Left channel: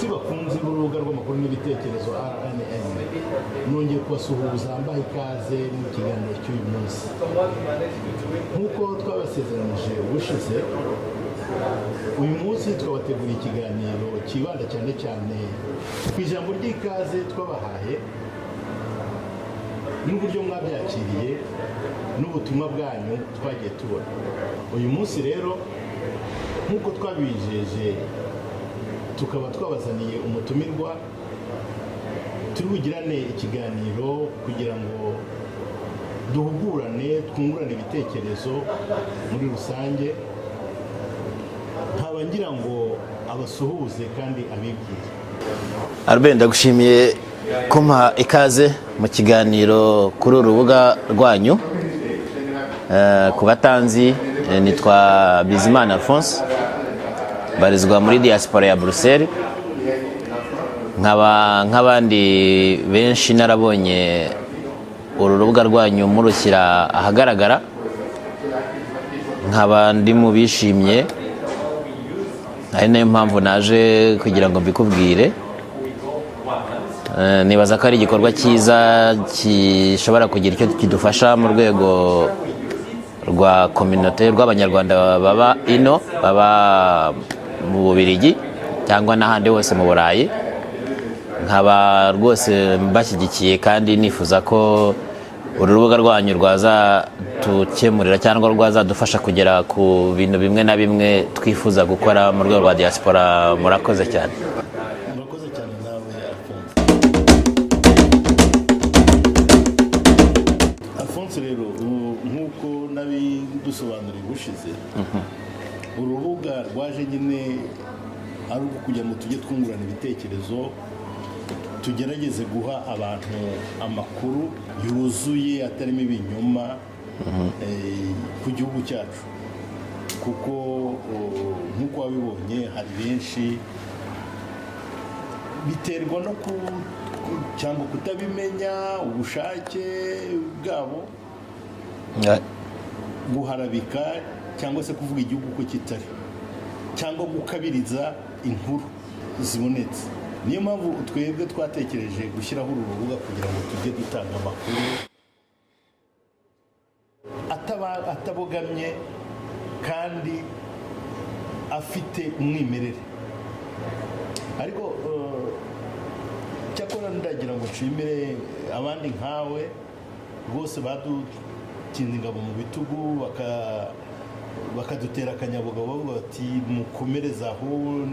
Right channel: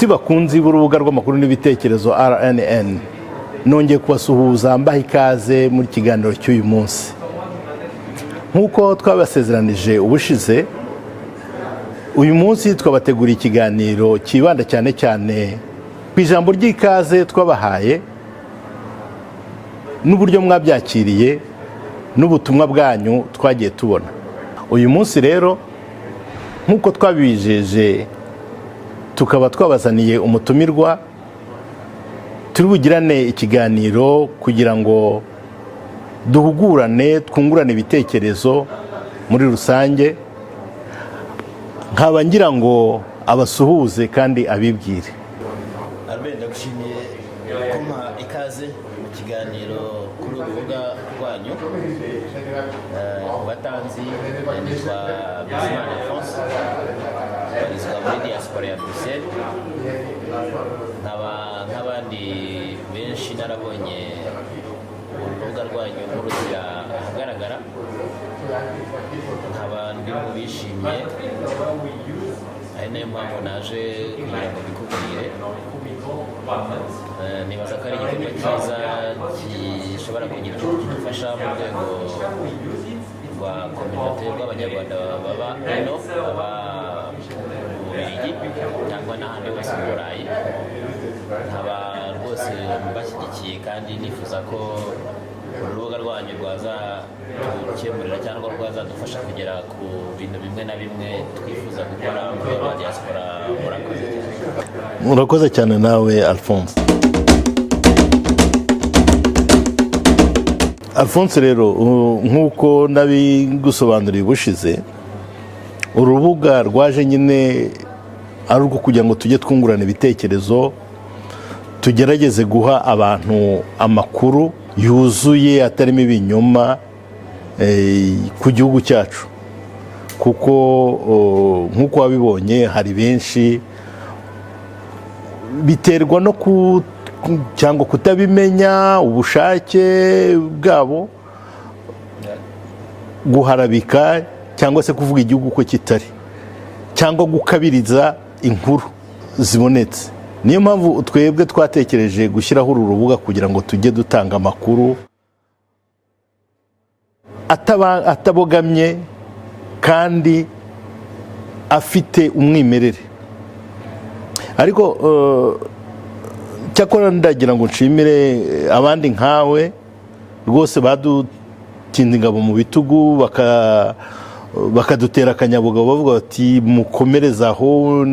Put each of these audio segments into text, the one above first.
Inshuti bakunzi b'urubuga rw'amakuru n'ibitekerezo RNN, nongeye kubasuhuza mbaha ikaze muri kiganiro cy'uyu munsi. Nk'uko twabasezeranije ubushize, uyu munsi twabateguriye ikiganiro kibanda cyane cyane ku ijambo ry'ikaze twabahaye n'uburyo mwabyakiriye n'ubutumwa bwanyu twagiye tubona. Uyu munsi rero nk'uko twabijeje, tukaba twabazaniye umutumirwa, turi bugirane ikiganiro kugira ngo duhugurane, twungurane ibitekerezo muri rusange. Nkaba ngira ngo abasuhuze kandi abibwire. Albert, ndagushimiye kumpa ikaze mu kiganiro kuri urubuga rwanyu. Ku batanzi, nitwa Bizimana Alphonse, barizwa muri diaspora ya Bruxelles. Nk'abandi benshi narabonye uru rubuga rwanyu murushyira ahagaragara, nkaba ndi mu bishimye, ari nayo mpamvu naje kugira ngo mbikubwire. Nibaza ko ari igikorwa cyiza gishobora kugira icyo kidufasha mu rwego rwa communauté rw'abanyarwanda baba ino, baba mu Bubiligi cyangwa n'ahandi hose mu Burayi. Nkaba rwose mbashyigikiye kandi nifuza ko uru rubuga rwanyu rwazadukemurira cyangwa rwazadufasha kugera ku bintu bimwe na bimwe twifuza gukora mu rwego rwa diaspora. Murakoze cyane. Murakoze cyane nawe Alphonse. Alphonse rero, nk'uko nabigusobanuriye ubushize, urubuga rwaje nyine ari urwo kugira ngo tujye twungurana ibitekerezo, tugerageze guha abantu amakuru yuzuye atarimo ibinyoma ku gihugu cyacu, kuko nk'uko wabibonye hari benshi biterwa no cyangwa kutabimenya, ubushake bwabo guharabika cyangwa se kuvuga igihugu ko kitari, cyangwa gukabiriza inkuru zibonetse. Niyo mpamvu twebwe twatekereje gushyiraho uru rubuga kugira ngo tujye dutanga amakuru atabogamye kandi afite umwimerere. Ariko cyakora ndagira ngo nshimire abandi nkawe rwose badutinda ingabo mu bitugu, bakadutera akanyabugabo, bavuga bati mukomereze aho,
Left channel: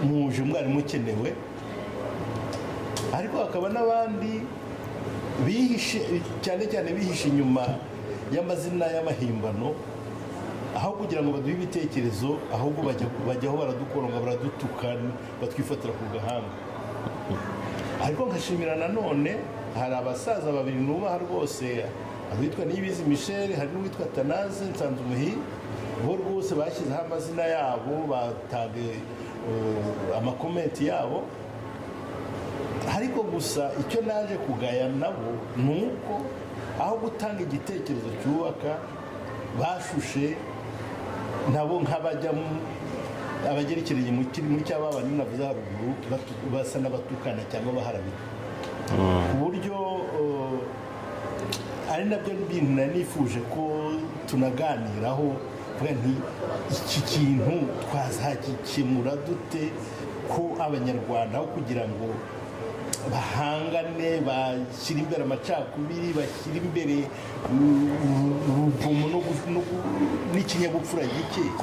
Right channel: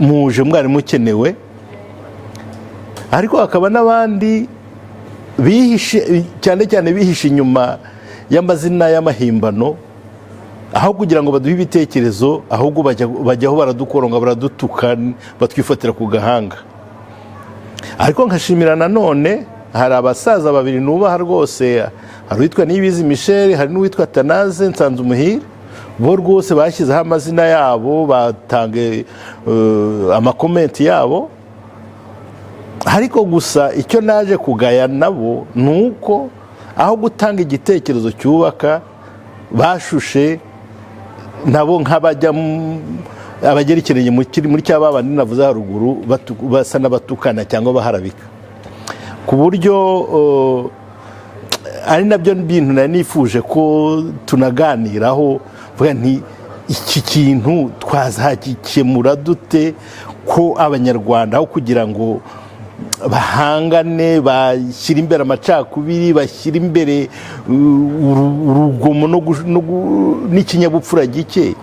muje mwari mukenewe. Ariko hakaba n'abandi bihishe, cyane cyane bihishe inyuma y'amazina y'amahimbano, aho kugira ngo baduhe ibitekerezo ahubwo bajyaho baradukoronga, baradutuka, batwifatira ku gahanga. Ariko nkashimira nanone, hari abasaza babiri nubaha rwose, hari uwitwa Niyibizi Michel, hari n'uwitwa Tanaze Nsanzumuhire, bo rwose bashyizeho amazina yabo, batange amakomenti yabo. Ariko gusa icyo naje kugaya nabo ni uko aho gutanga igitekerezo cyubaka, bashushe nabo nk'abajya abagerekeranye muri cya babandi navuze haruguru, basa n'abatukana cyangwa baharabika, ku buryo ari nabyo bintu nari nifuje ko tunaganiraho. Vuga nti iki kintu twazagikemura dute, ko abanyarwanda aho kugira ngo bahangane, bashyira imbere amacakubiri, bashyira imbere urugomo n'ikinyabupfura gike,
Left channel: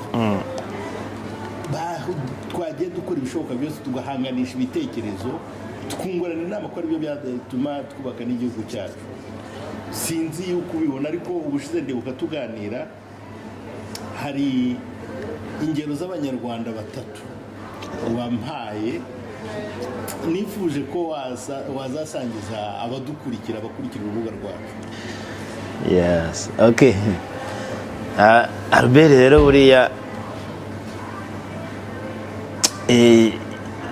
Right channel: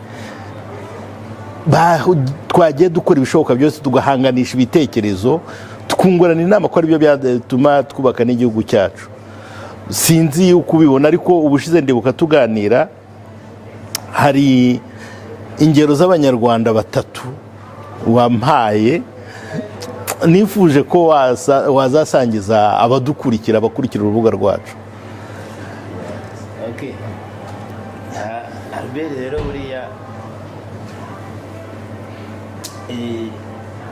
twagiye dukora ibishoboka byose tugahanganisha ibitekerezo, tukungurana inama ko aribyo byatuma twubaka n'igihugu cyacu. Sinzi uko ubibona, ariko ubushize ndibuka tuganira, hari ingero z'abanyarwanda batatu wampaye, nifuje ko wazasangiza abakurikira urubuga rwacu. Yes, okay. Albert, rero buriya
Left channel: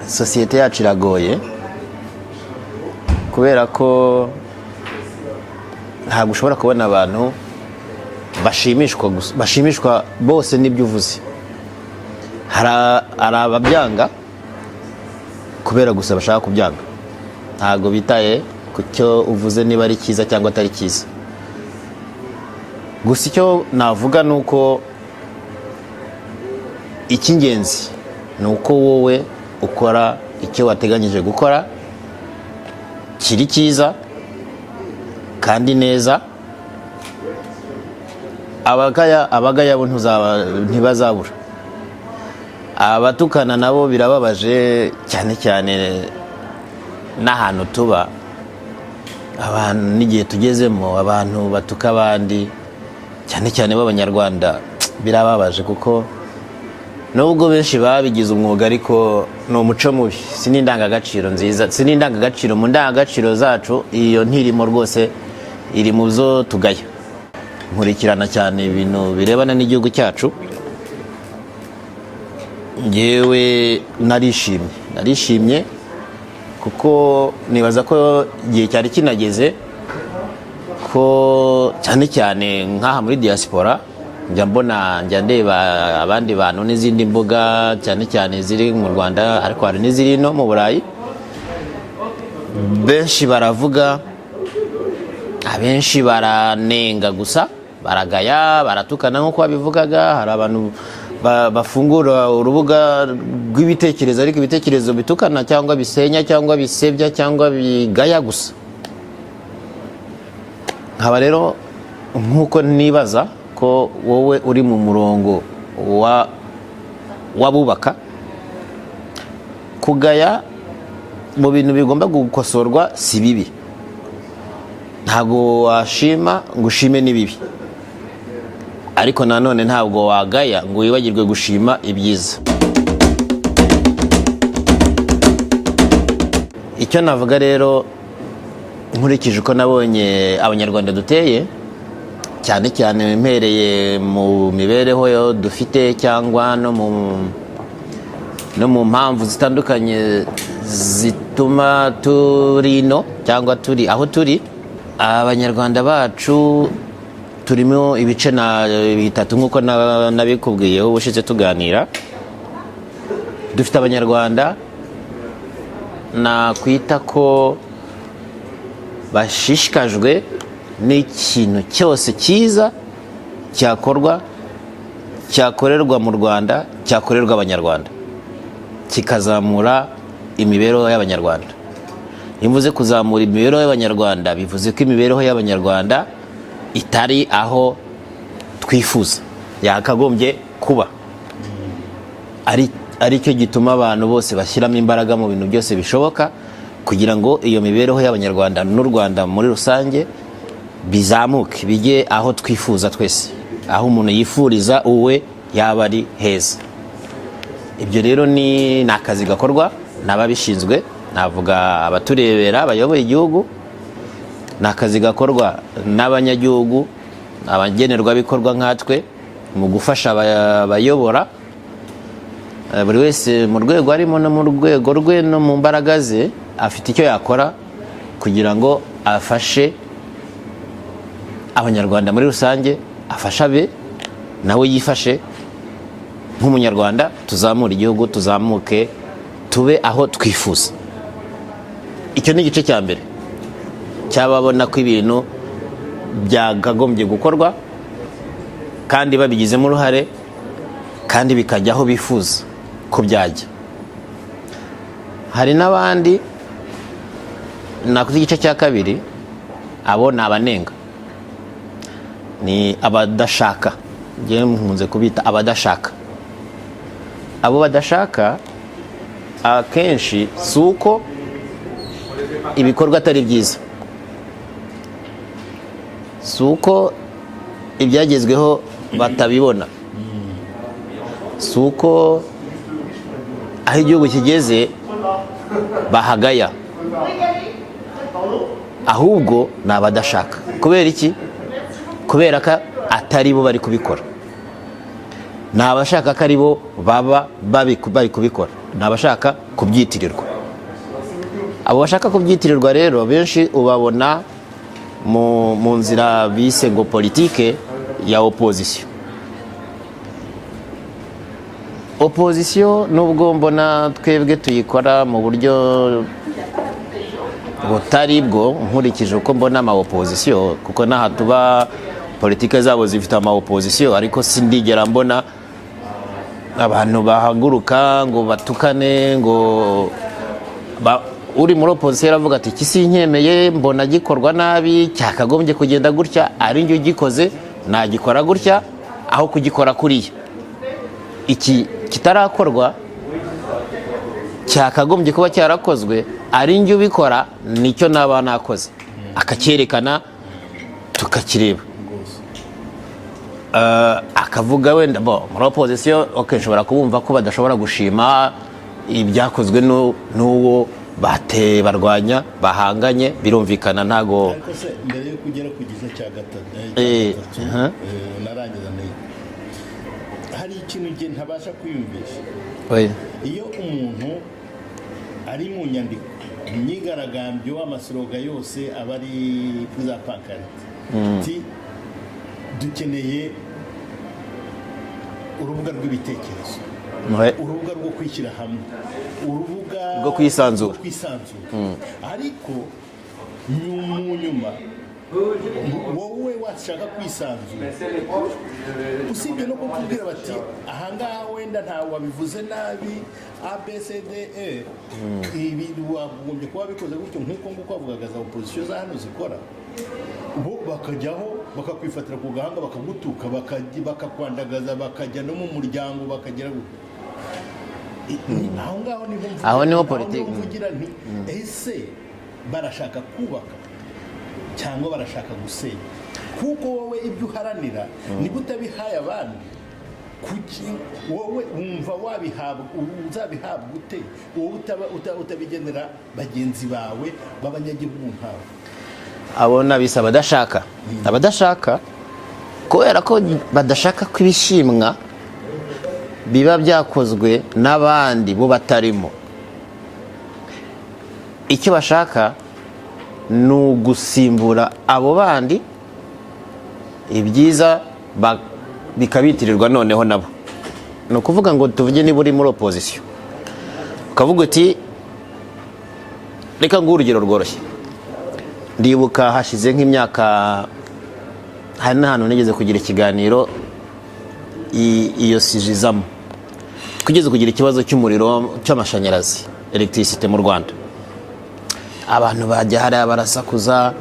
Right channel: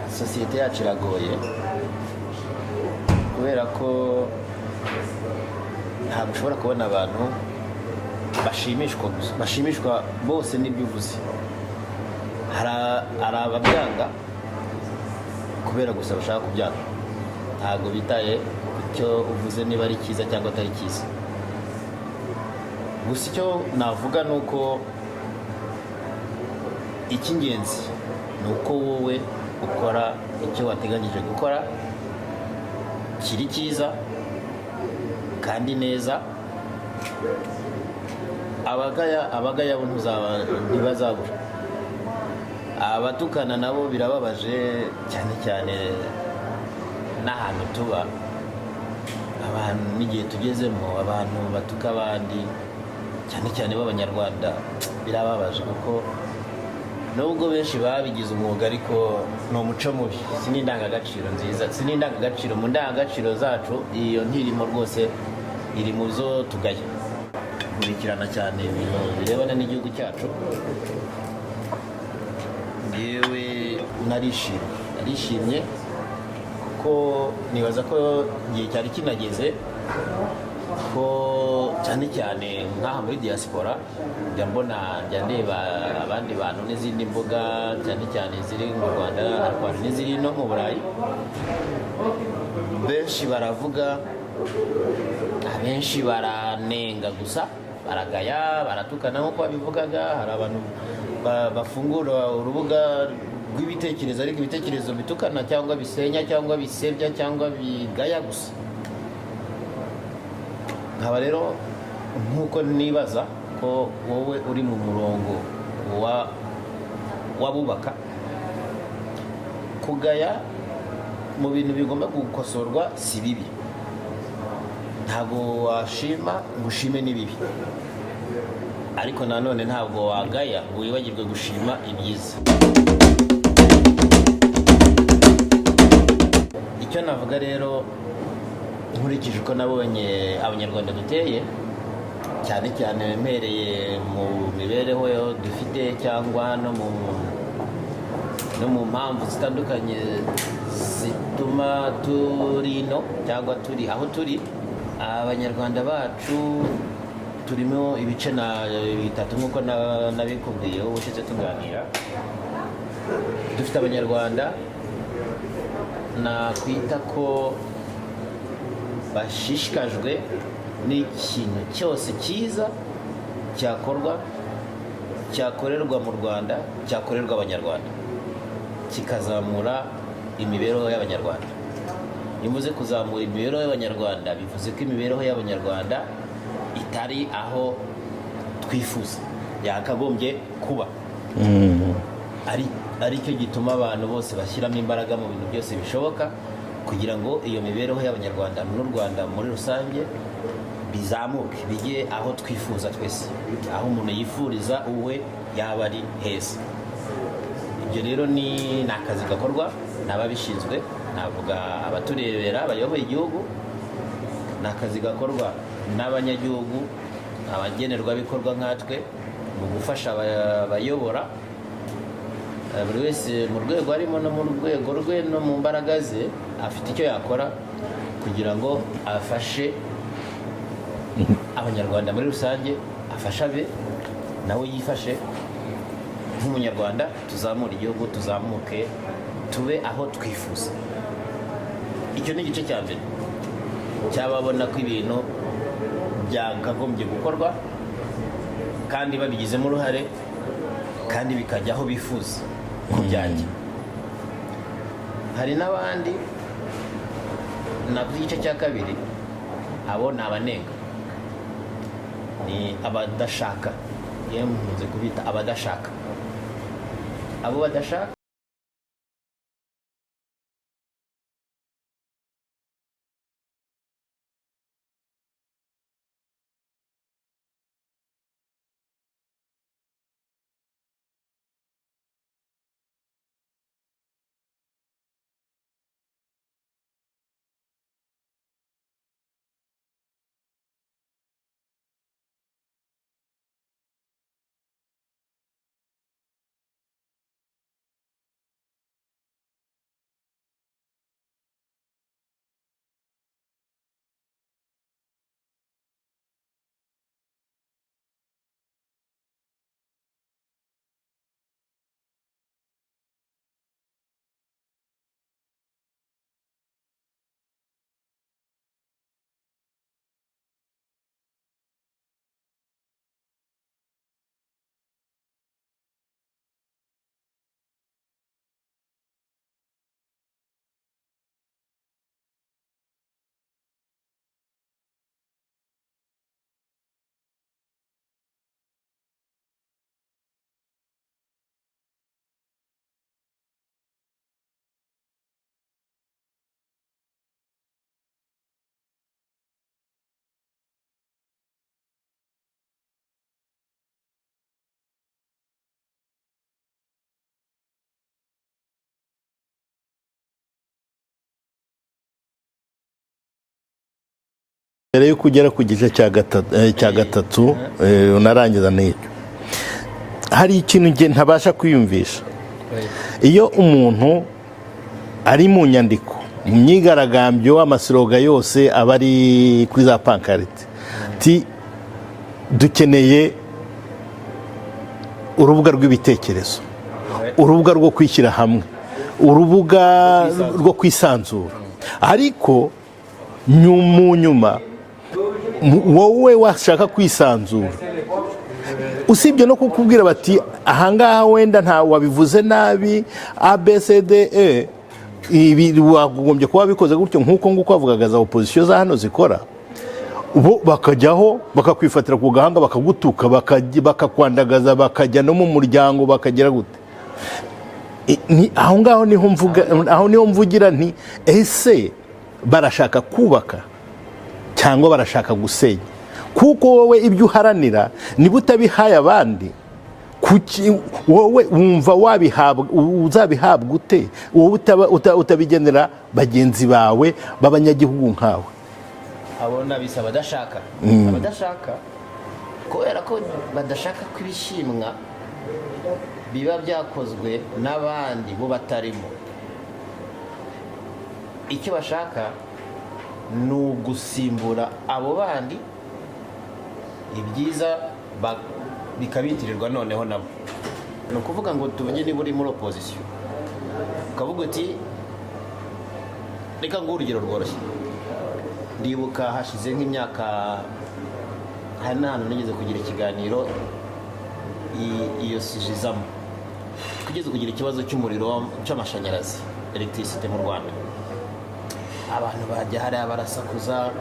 sosiyete yacu iragoye, kubera ko ntabwo ushobora kubona abantu bashimishwa bose n'ibyo uvuze. hari ababyanga kubera gusa bashaka kubyanga, ntabwo bitaye ku cyo uvuze niba ari cyiza cyangwa atari cyiza. Gusa icyo navuga ni uko icy'ingenzi ni uko wowe ukora icyo wateganyije gukora kiri cyiza kandi neza. Abagaya bo ntibazabura, abatukana nabo birababaje, cyane cyane n'ahantu tuba, abantu n'igihe tugezemo, abantu batuka abandi cyane cyane b'Abanyarwanda, birababaje kuko nubwo benshi babigize umwuga ariko ni umuco mubi, si n'indangagaciro nziza, si n'indangagaciro. Mu ndangagaciro zacu iyo ntirimo rwose, iri mu zo tugaya. Nkurikirana cyane ibintu birebana n'igihugu cyacu, ngewe narishimye kuko nibaza ko igihe cyari kinageze ko cyane cyane nk'aha muri diaspora njya ndeba abandi bantu n'izindi mbuga cyane cyane ziri mu Rwanda, ariko hari n'iziri no mu Burayi. Benshi baravuga, abenshi baranenga gusa, baragaya, baratukana nk'uko babivugaga. Hari abantu bafungura urubuga rw'ibitekerezo, ariko ibitekerezo bitukana cyangwa bisenya cyangwa bisebya cyangwa bigaya gusa. Nkaba rero nk'uko nibaza ko wowe uri mu murongo w'abubaka, kugaya mu bintu bigomba gukosorwa si bibi, ntabwo washima ngo ushime n'ibibi, ariko nanone ntabwo wagaya ngo wibagirwe gushima ibyiza. Icyo navuga rero, nkurikije uko nabonye Abanyarwanda duteye, cyane cyane mpereye mu mibereho dufite cyangwa no mu mpamvu zitandukanye zituma turi ino cyangwa turi aho turi, Abanyarwanda bacu turimo ibice bitatu nk'uko nabikubwiyeho ubushize tuganira. Dufite Abanyarwanda nakwita ko bashishikajwe n'ikintu cyose cyiza cyakorerwa mu Rwanda, cyakorerwa Abanyarwanda, kikazamura imibereho y'Abanyarwanda. Iyo mvuze kuzamura imibereho y'Abanyarwanda, bivuze ko imibereho y'Abanyarwanda itari aho twifuza yakagombye kuba. Ari cyo gituma abantu bose bashyiramo imbaraga mu bintu byose bishoboka kugira ngo iyo mibereho y'Abanyarwanda n'u Rwanda muri rusange bizamuke, bijye aho twifuza twese, aho umuntu yifuriza uwe yaba ari heza. Ibyo rero ni akazi gakorwa n'ababishinzwe, navuga abaturebera, abayoboye igihugu. Ni akazi gakorwa n'abanyagihugu, abagenerwabikorwa nkatwe, mu gufasha abayobora, buri wese mu rwego arimo no mu rwego rwe no mu mbaraga ze afite icyo yakora kugira ngo afashe Abanyarwanda muri rusange, afashe abe nawe yifashe nk'umunyarwanda, tuzamure igihugu, tuzamuke tube aho twifuza. Icyo ni igice cya mbere cyababona ko ibintu byakagombye gukorwa kandi babigizemo uruhare kandi bikajya aho bifuza ko byajya. Hari n'abandi nakuze igice cya kabiri, abo ni abanenga, ni abadashaka, ngewe nkunze kubita abadashaka. Abo badashaka akenshi si uko ibikorwa atari byiza, si uko ibyagezweho batabibona, si uko aho igihugu kigeze bahagaya, ahubwo ni abadashaka. Kubera iki? Kubera ko atari bo bari kubikora. Ni abashaka ko ari bo baba bari kubikora, ni abashaka kubyitirirwa. Abo bashaka kubyitirirwa rero benshi ubabona mu nzira bise ngo politike ya opposition. opozisiyo nubwo mbona twebwe tuyikora mu buryo butari bwo nkurikije uko mbona ama opozisiyo, kuko n'aha tuba politike zabo zifite ama opozisiyo, ariko sindigera mbona abantu bahaguruka ngo batukane ngo uri muri opozisiyo aravuga ati iki sinkemeye, mbona gikorwa nabi, cyakagombye kugenda gutya, ari njye ugikoze nagikora gutya aho kugikora kuriya. Iki kitarakorwa cyakagombye kuba cyarakozwe, ari njye ubikora nicyo naba nakoze, akacyerekana tukakireba. Akavuga wenda muri opozisiyo nshobora kubumva ko badashobora gushima ibyakozwe n'uwo bateye barwanya bahanganye, birumvikana. Ntago mbere yo kugera ku gice cya gatatu unarangiza n'icyo, hari ikintu nge ntabasha kwiyumvisha. Iyo umuntu ari mu nyandiko, mu myigaragambyo, amasiroga yose aba ari kuri za pankarite, dukeneye urubuga rw'ibitekerezo, urubuga rwo kwishyira hamwe, urubuga rwo kwisanzura. Ariko mu nyuma wowe washaka kwisanzura, usibye no kukubwira bati ahangaha wenda nta wabivuze nabi ABCDE, ibi wagombye kuba bikoze gutyo nk'uko nguko bavugaga za opozisiyo za hano zikora, bo bakajyaho bakakwifatira ku gahanga bakagutuka bakakwandagaza, bakajya no mu muryango bakagira gute. Aho ngaho niho mvugira nti ese barashaka kubaka cyangwa barashaka gusenya? Kuko wowe ibyo uharanira niba utabihaye abandi, wowe wumva uzabihabwa ute? Wowe utabigenera bagenzi bawe b'abanyagihugu nkawe. Abona bisa abadashaka kubera ko badashaka kwibishimwa biba byakozwe n'abandi bo batarimo. Icyo bashaka ni ugusimbura abo bandi, ibyiza bikabitirirwa noneho nabo. Ni ukuvuga ngo tuvuge niba uri muri opozisiyo ukavuga uti, reka nguhe urugero rworoshye. Ndibuka hashize nk'imyaka, hari n'ahantu nigeze kugira ikiganiro iyo sijizamo, twigeze kugira ikibazo cy'umuriro cy'amashanyarazi, electricité mu Rwanda. Abantu bajya hariya barasakuza,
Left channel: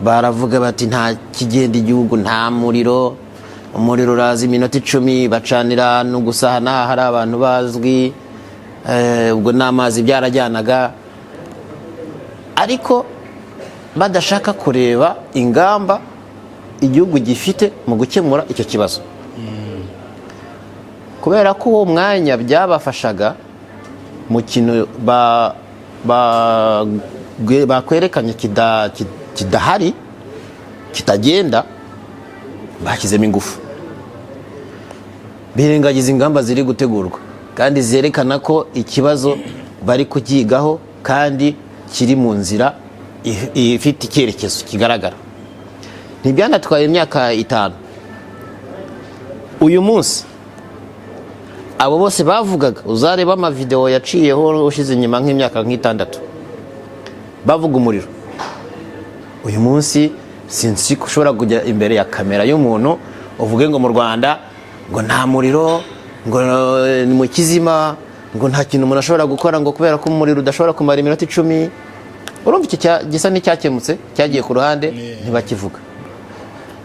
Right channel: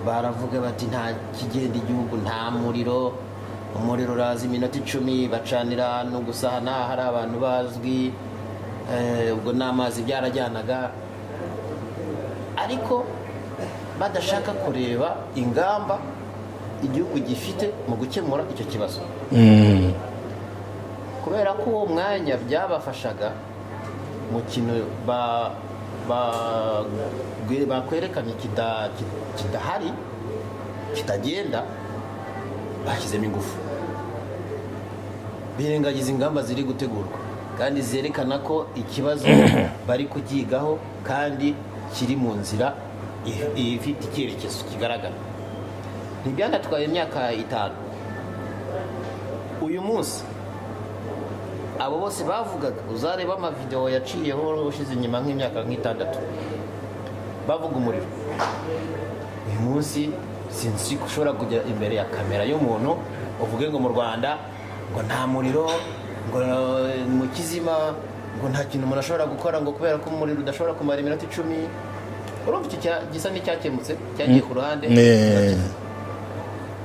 baravuga bati nta kigenda igihugu, nta muriro, umuriro uraza iminota 10 bacanira no gusahana, hari abantu bazwi, ubwo n'amazi byarajyanaga, ariko badashaka kureba ingamba igihugu gifite mu gukemura icyo kibazo. Kubera ko uwo mwanya byabafashaga mu kintu bakwerekanye kidahari, kitagenda, bashyizemo ingufu, birengagiza ingamba ziri gutegurwa kandi zerekana ko ikibazo bari kukigaho kandi kiri mu nzira ifite icyerekezo kigaragara. Ntibyanatwaye imyaka 5. Uyu munsi abo bose bavugaga, uzareba amavideo yaciyeho ushize inyuma nk'imyaka 6 bavuga umuriro. Uyu munsi sinzi ko ushobora kujya imbere ya kamera y'umuntu uvuge ngo mu Rwanda ngo nta muriro, ngo ni mu kizima, ngo nta kintu umuntu ashobora gukora ngo kubera ko umuriro udashobora kumara iminota 10. Urumva icyo gisa n'icyakemutse, cyagiye ku ruhande bakivuga.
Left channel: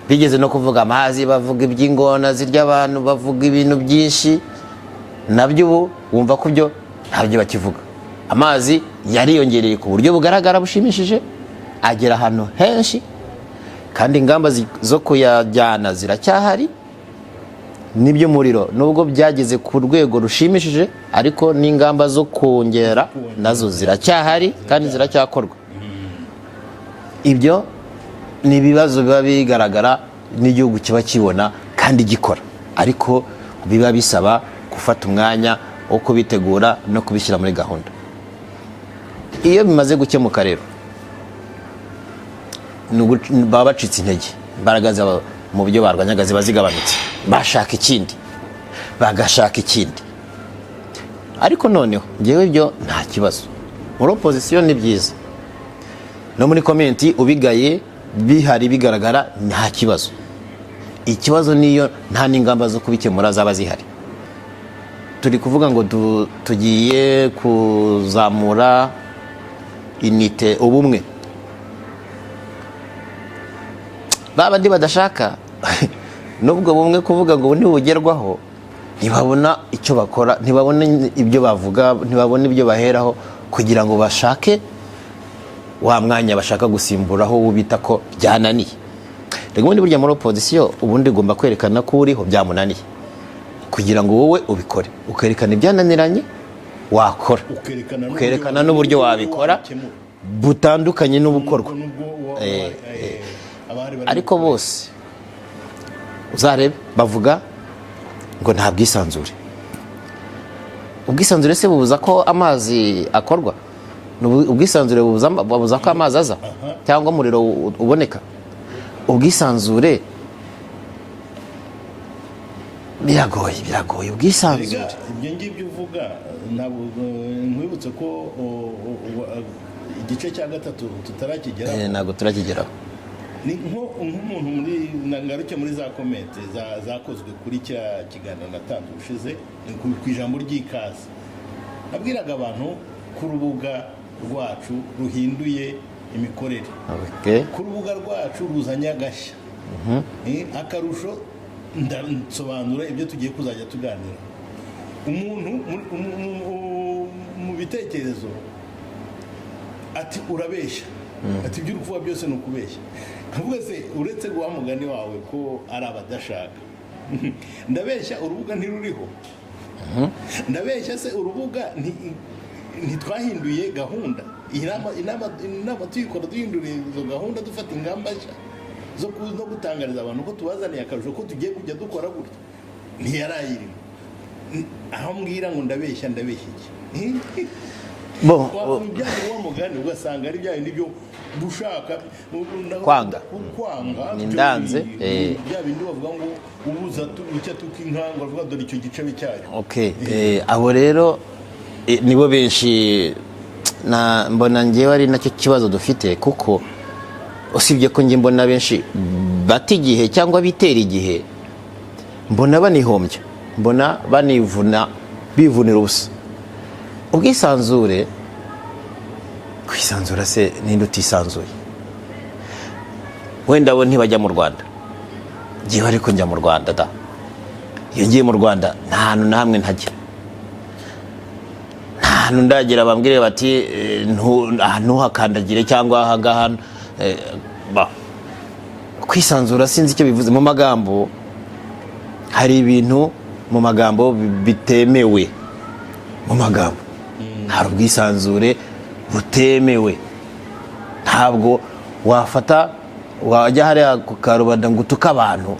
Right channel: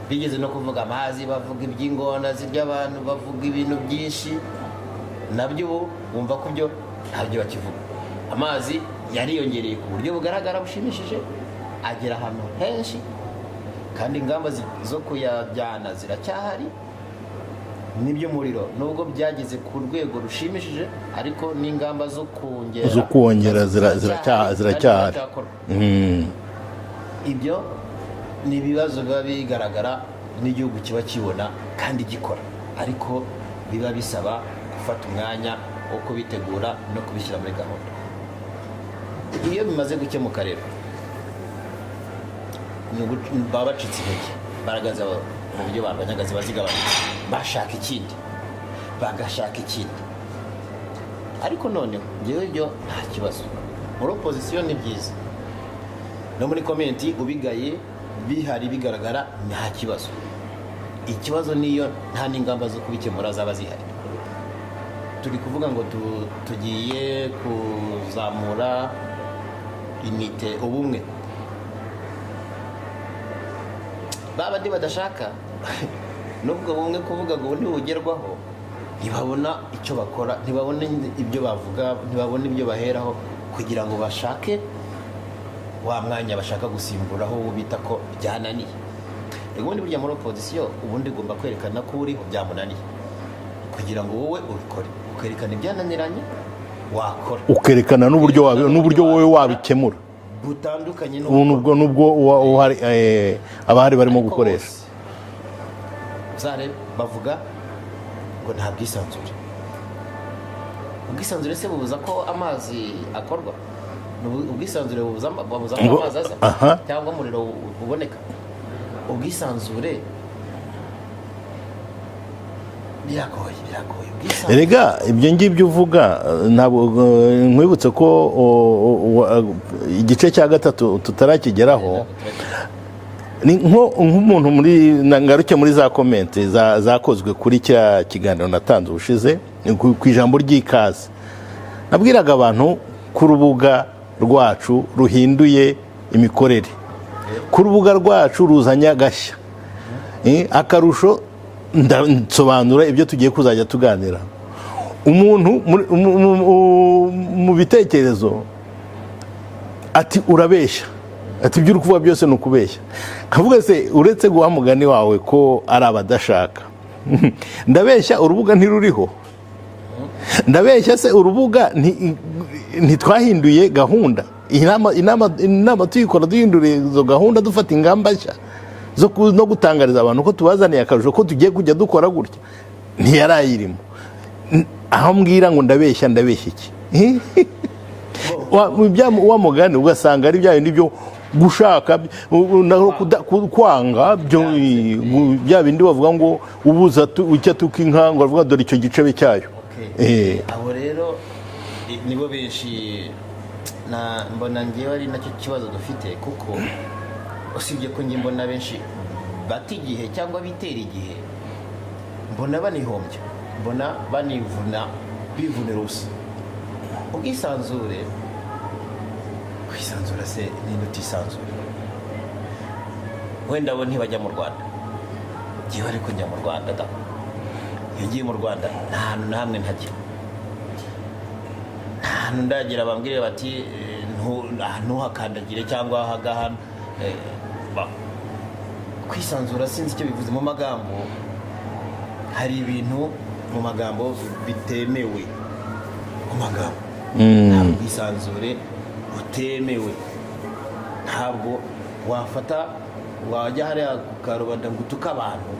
Bigeze no kuvuga amazi, bavuga iby'ingona zirya abantu, bavuga ibintu byinshi, nabyo ubu wumva ko byo ntabyo bakivuga. Amazi yariyongereye ku buryo bugaragara bushimishije, agera ahantu henshi, kandi ingamba zo kuyajyana ziracyahari. Nibyo muriro nubwo byageze ku rwego rushimishije, ariko n'ingamba zo kongera nazo ziracyahari kandi ziracyakorwa. Ibyo ni ibibazo biba bigaragara n'igihugu kiba kibona kandi gikora, ariko biba bisaba gufata umwanya wo kubitegura no kubishyira muri gahunda. Iyo bimaze gukemuka rero baba bacitse intege, imbaraga zabo mu buryo barwanyaga ziba zigabanutse, bashaka ikindi, bagashaka ikindi, ariko noneho ngewe ibyo nta kibazo, muri opposition ni byiza, no muri community ubigaye bihari bigaragara nta kibazo. Ikibazo niyo nta n'ingamba zo kubikemura zaba zihari. Turi kuvuga ngo tugiye kuzamura inite, ubumwe. Babandi badashaka nubwo bumwe kuvuga ngo ntibugerwaho, ntibabona icyo bakora, ntibabona ibyo bavuga, ntibabona ibyo baheraho kugira ngo bashake wa mwanya bashaka gusimburaho ubita ko byananiye. Rego ubundi burya muri opposition ubundi ugomba kwerekana ko uriho byamunaniye kugira ngo wowe ubikore, ukerekana ibyananiranye wakora, ukerekana n'uburyo wowe wabikemura butandukanye n'ubukorwa nubwo abahari barimo ariko gukoresha. bose uzarebe bavuga ngo nta bwisanzure. Ubwisanzure se bubuza ko amazi akorwa? Ubwisanzure bubuza ko amazi aza cyangwa umuriro uboneka? Ubwisanzure biragoye ubwisanzure. Erega ibyo ngibyo uvuga ntabwo nkwibutse ko igice cya gatatu tutarakigeraho. Ntabwo turakigeraho. Ni nk'umuntu ngaruke muri za komenti zakozwe kuri cya kiganiro natanze ubushize ku ijambo ry'ikaze. Nabwiraga abantu ku rubuga rwacu ruhinduye imikorere, ku rubuga rwacu ruzanye agashya, akarusho nsobanura ibyo tugiye kuzajya tuganira. Umuntu mu bitekerezo ati urabeshya, ati ibyo uri kuvuga byose ni ukubeshya. Kavuga se uretse guha mugani wawe ko ari abadashaka, ndabeshya urubuga ntiruriho, ndabeshya se urubuga ntitwahinduye gahunda. Inama tuyikora duhindura izo gahunda, dufata ingamba nshya no gutangariza abantu ko tubazaniye akarusho ko tugiye kujya dukora gutya, ntiyarayirimo. Aho mbwira ngo ndabeshya iki? Wa mugani ugasanga ari bya bindi byo gushaka kwanga, bya bindi bavuga ngo ubuza icyo tukinka ngo bavuga dore icyo gicebe cyayo. Abo rero nibo benshi mbona ngewe ari nacyo kibazo dufite, kuko usibye ko nge mbona benshi bata igihe cyangwa bitera igihe, mbona banihombya, mbona bivunira ubusa. Ubwisanzure, kwisanzura se ninde utisanzuye? Wenda bo ntibajya mu Rwanda, ngewe ariko njya mu Rwanda da. Iyo ngiye mu Rwanda nta hantu na hamwe ntajya, nta hantu ndagira bambwire bati ntuhakandagire cyangwa ahangaha. Kwisanzura sinzi icyo bivuze mu magambo. Hari ibintu mu magambo bitemewe mu magambo, hari ubwisanzure butemewe. Ntabwo wajya hariya ku karubanda ngo utuke abantu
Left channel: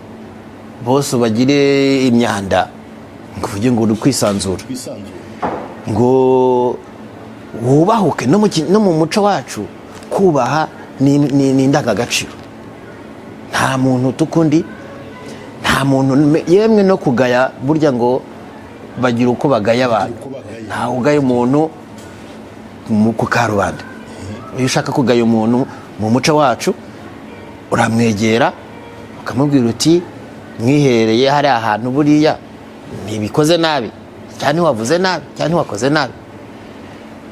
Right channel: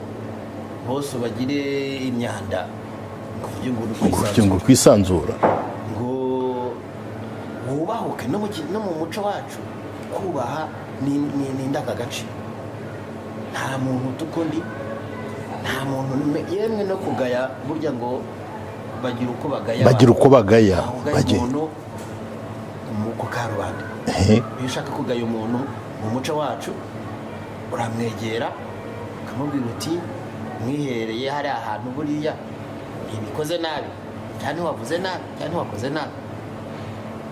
bose ubagire imyanda ngo uvuge ngo uri kwisanzura, ngo wubahuke. No mu muco wacu kubaha ni indangagaciro. Nta muntu tukundi, nta muntu yemwe no kugaya, burya ngo bagira uko bagaya. Ugaya umuntu ku karubanda. Iyo ushaka kugaya umuntu mu muco wacu uramwegera ukamubwira uti mwihereye hari ahantu buriya ntibikoze nabi cyane, wavuze nabi cyane, wakoze nabi.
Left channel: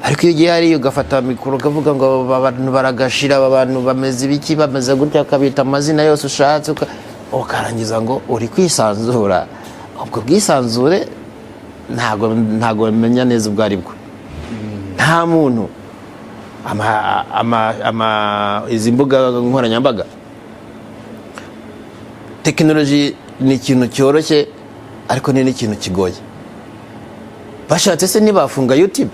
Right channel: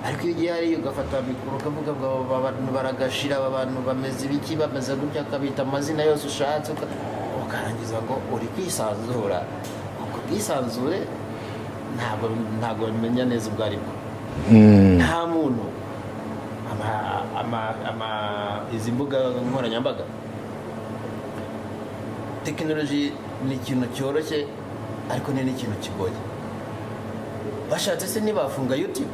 Ariko iyo ugiye hariya ugafata mikoro ukavuga ngo abantu baragashira, abantu bameze ibiki, bameze gutya, ukabita amazina yose ushatse, ukarangiza ngo uri kwisanzura. Ubwo bwisanzure ntabwo bamenya neza ubwo ari bwo. Nta muntu izi mbuga nkoranyambaga, tekinoloji ni ikintu cyoroshye ariko ni n'ikintu kigoye. Bashatse se nibafunga YouTube,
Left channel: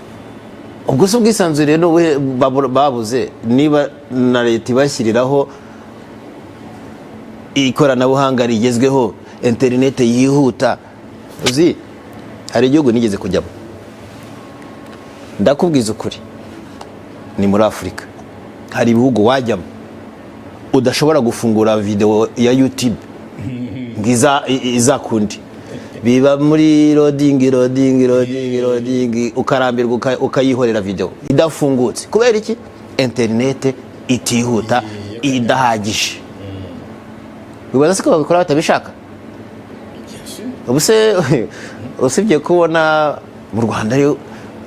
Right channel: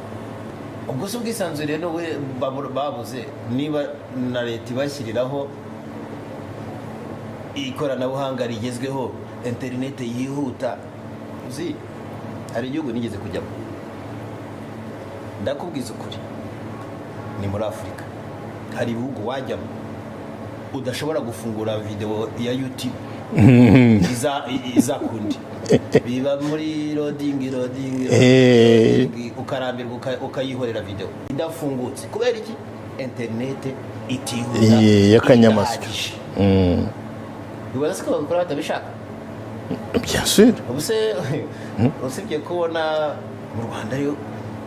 ubwo se ubwisanzure babuze niba na leta ibashyiriraho ikoranabuhanga rigezweho, interineti yihuta. Uzi hari igihugu nigeze kujyamo, ndakubwiza ukuri, ni muri Afurika. Hari ibihugu wajyamo udashobora gufungura video ya YouTube iza kundi, biba muri loading ukarambirwa ukayihorera video idafungutse kubera iki internet itihuta idahagije. Bibaza se ko babikora batabishaka. Bien sûr. Usibye kubona mu Rwanda rero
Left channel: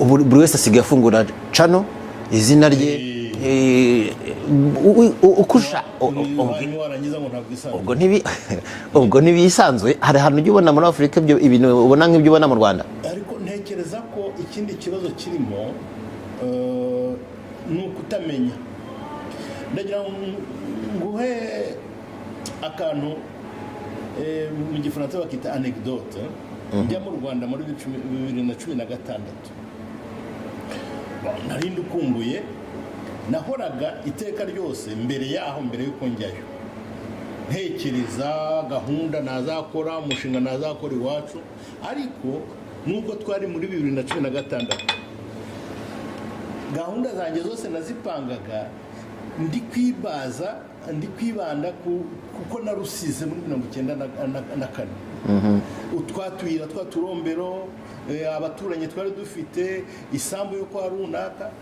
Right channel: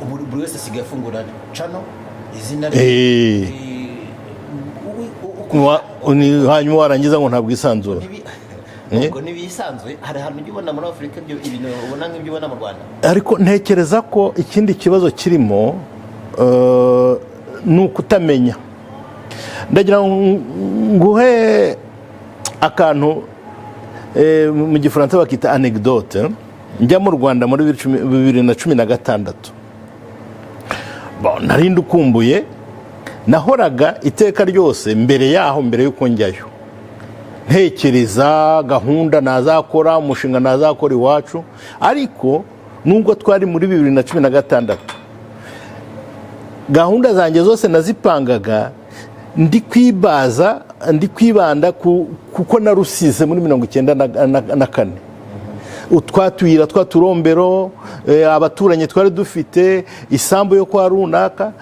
buri wese asigaye afungura channel izina rye hanyuma warangiza ngo ntabwo isanzwe. Ubwo ntibisanzwe. Hari ahantu ujya ubona muri Afurika ibintu ubona nk'ibyo ubona mu Rwanda. Ariko ntekereza ko ikindi kibazo kirimo ni ukutamenya. Ndagira nguhe akantu mu gifaransa bakita anecdote. Njya mu Rwanda muri 2016. Nari ndukumbuye, nahoraga iteka ryose mbere yaho, mbere yuko njyayo ntekereza gahunda nazakora, umushinga nazakora iwacu. Ariko nubwo twari muri 2016 gahunda zanjye zose nazipangaga ndi kwibanda kuko narusize muri 1994. Utwatuyira twaturombero abaturanyi twari dufite isambu yo kwa runaka,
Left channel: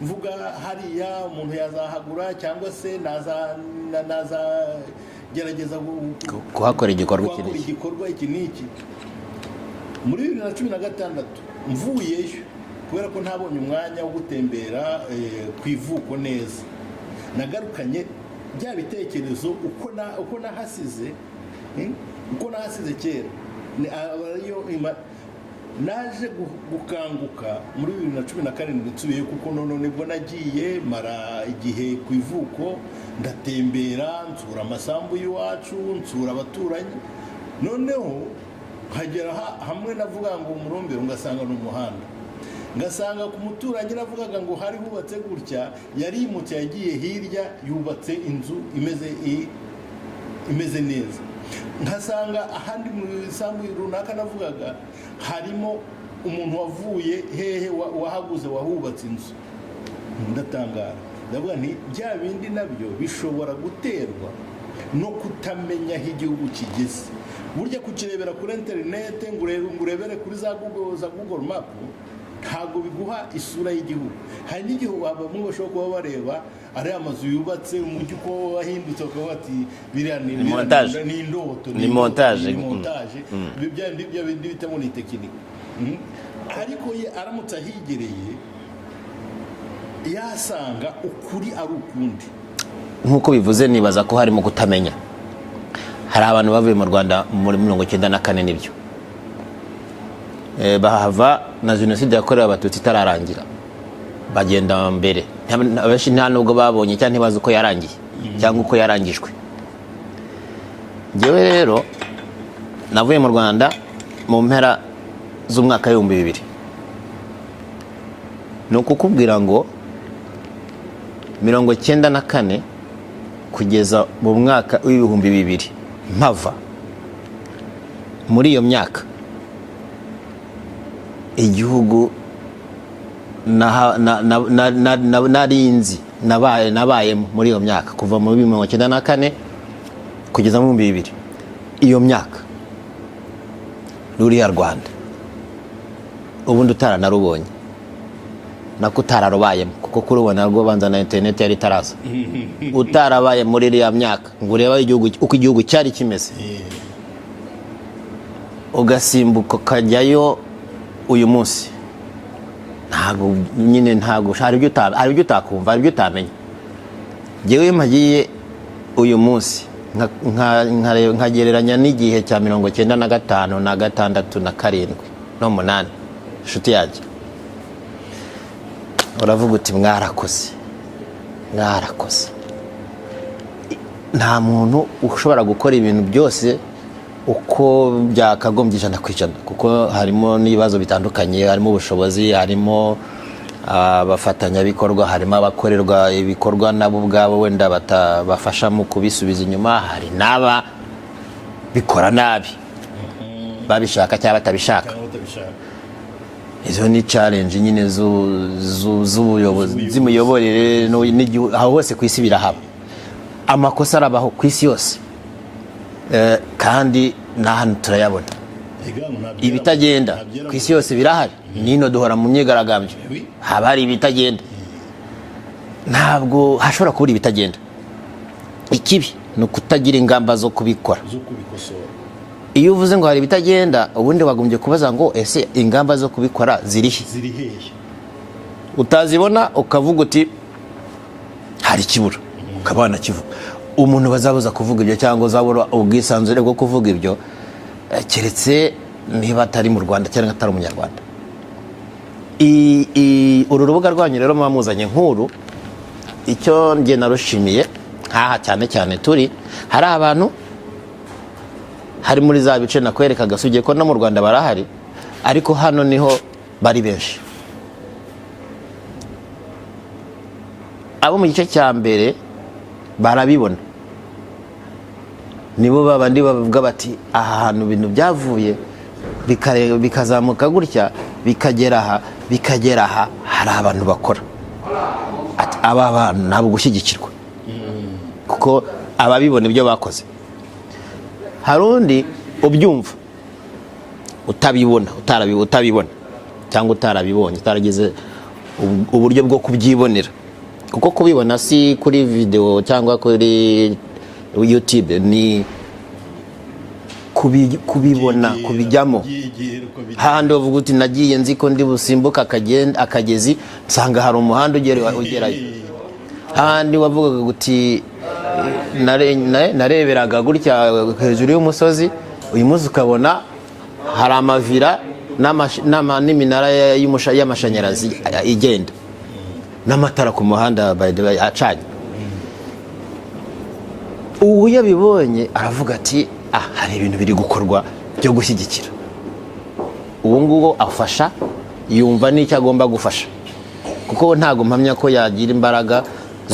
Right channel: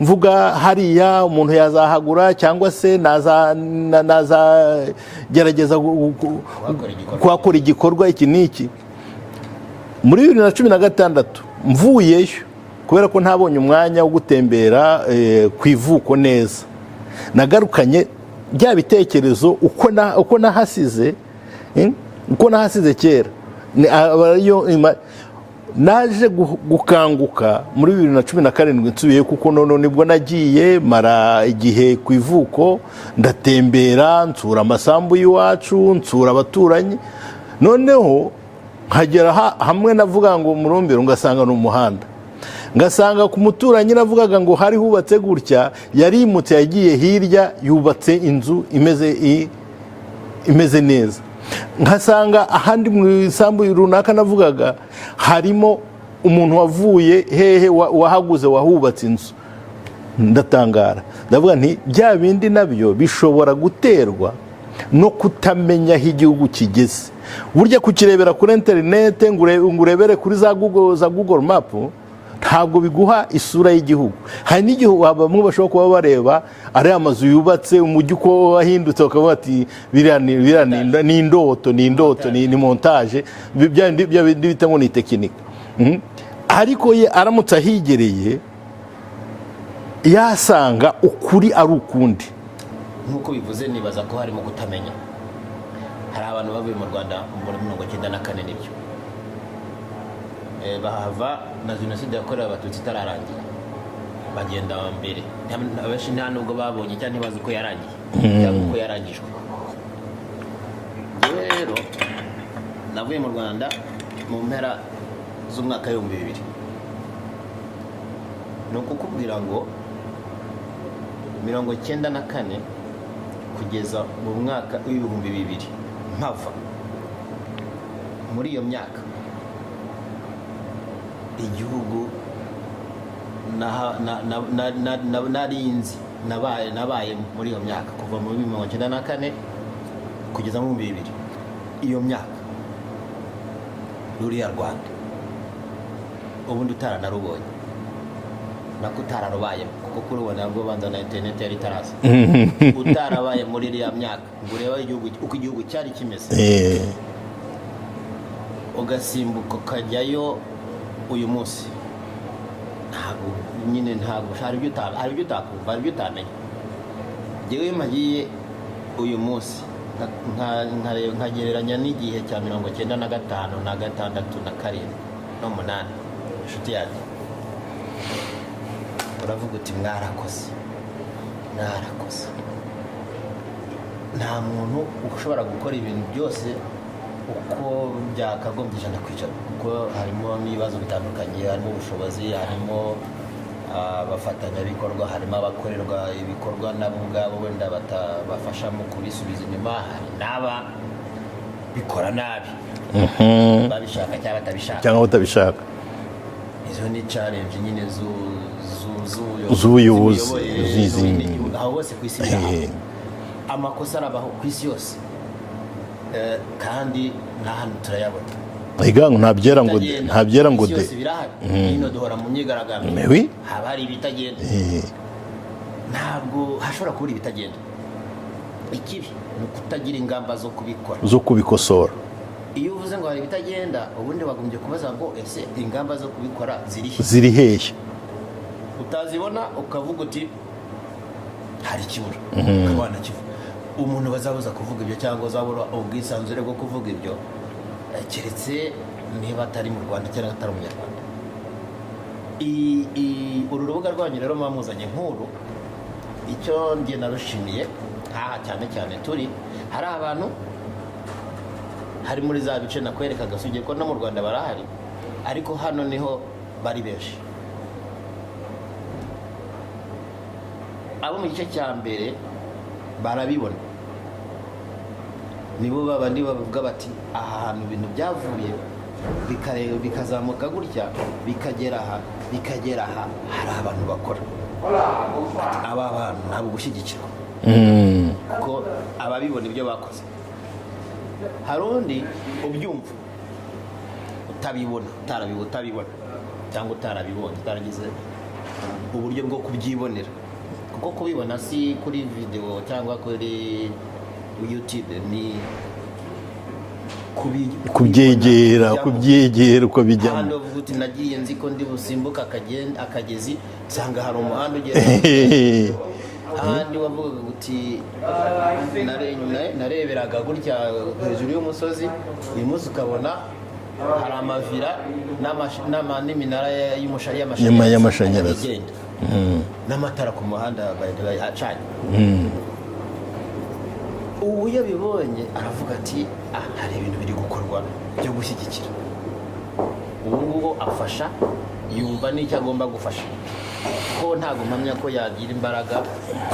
mvuga hariya umuntu yazahagura cyangwa se naza gerageza kuhakora igikorwa iki niki. Muri 2016 mvuyeyo kubera ko ntabonye umwanya wo gutembera ku ivuko neza, nagarukanye bya bitekerezo uko nahasize kera. Naje gukanguka muri 2017 nsubiye kuko none nibwo nagiye mara igihe ku ivuko, ndatembera nsura amasambu y'iwacu, nsura abaturanyi. Noneho nkagera hamwe navuga ngo murombero, ngasanga n'umuhanda, ngasanga ku muturanyi navugaga ngo hari hubatse gutya, yarimutse yagiye hirya yubatse inzu imeze neza. Nkasanga ahandi mu isambu runaka navugaga harimo umuntu wavuye hehe wahaguze wahubatse inzu. Ndatangara, ndavuga nti bya bindi nabyo bishobora guterwa no kutamenya aho igihugu kigeze. Burya kukirebera kuri internet ngurebere kuri za Google Map ntabwo biguha isura y'igihugu. Hari n'igihe bamwe bashobora kuba bareba ari amazu yubatse umujyi uko wahindutse bakavuga ati biriya ni indoto, ni montage, bya bindi bita ngo ni tekinike. Ariko ye aramutse ahigereye yasanga ukuri ari ukundi. Nkuko bivuze, nibaza ko harimo kutamenya. Hari abantu bavuye mu Rwanda muri 1994 nibyo bahava na jenoside yakorewe abatutsi itararangira, bagenda mbere. Abenshi nta nubwo babonye cyangwa ntibazi uko yarangiye cyangwa uko yarangijwe. Njyewe rero navuye mu Rwanda mu mpera z'umwaka w'ibihumbi 2000. Ni ukukubwira ngo 1994 kugeza mu mwaka w'ibihumbi 2000 mpava muri iyo myaka, igihugu narinzi nabaye muri iyo myaka kuva mu 1994 kugeza mu 2000. Iyo myaka ruriya Rwanda ubundi utaranarubonye nako utararubayemo, kuko kurubona rwo banza na internet yari taraza. Utarabaye muri iriya myaka ngo ureba uko igihugu cyari kimeze, ugasimbuka ukajyayo uyu munsi, ntabwo hari ibyo utakumva, hari ibyo utamenya. Njyewe mpagiye uyu munsi nkagereranya n'igihe cya 1995 na 6 na 7 no 8. Inshuti yanjye uravuga uti mwarakoze. Nta muntu ushobora gukora ibintu byose uko byakagombye 100%, kuko harimo n'ibibazo bitandukanye, harimo ubushobozi, harimo abafatanyabikorwa, harimo abakorerwa ibikorwa nabo ubwabo wenda batabafasha mu kubisubiza inyuma, hari n'aba bikora nabi babishaka cyangwa batabishaka. Izo ni challenge nyine z'ubuyoborere n'igihugu aho hose ku isi birahaba. Amakosa arabaho ku isi yose, kandi n'ahantu turayabona. ibitagenda ku isi yose birahari nino duhora mu myigaragambyo haba hari ibitagenda ntabwo hashobora kubura ibitagenda ikibi ni ukutagira ingamba zo kubikora zo kubikosora iyo uvuze ngo hari ibitagenda ubundi wagombye kubaza ngo ese ingamba zo kubikora ziri hehe utazibona ukavuga uti hari ikibura ukaba wanakivuga umuntu bazabuza kuvuga ibyo cyangwa uzabura ubwisanzure bwo kuvuga ibyo keretse niba atari mu Rwanda cyangwa atari umunyarwanda uru rubuga rwanyu rero mwamuzanye nkuru icyo njye narushimiye nkaha cyane cyane turi hari abantu hari muri za bice nakwereka gasugiye ko no mu Rwanda barahari ariko hano niho bari benshi abo mu gice cya mbere barabibona nibo babandi bavuga bati aha hantu ibintu byavuye bikazamuka gutya bikagera aha hari abantu bakora aba bantu ntabwo gushyigikirwa kuko ababibona ibyo bakoze hari undi ubyumva utabibona cyangwa utarabibonye utaragize uburyo bwo kubyibonera kuko kubibona si kuri video cyangwa kuri YouTube ni kubibona kubyegera uko bijyana handi uvuga uti nagiye nzi ko ndi busimbuka akagezi nsanga hari umuhanda ugera handi wavugaga uti nareberaga gutya hejuru y'umusozi uyu munsi ukabona hari amavira n'iminara y'amashanyarazi igenda n'amatara ku muhanda acanye ubu yabibonye aravuga ati hari ibintu biri gukorwa byo gushyigikira ubu ngubu afasha yumva n'icyo agomba gufasha kuko ntabwo mpamya ko yagira imbaraga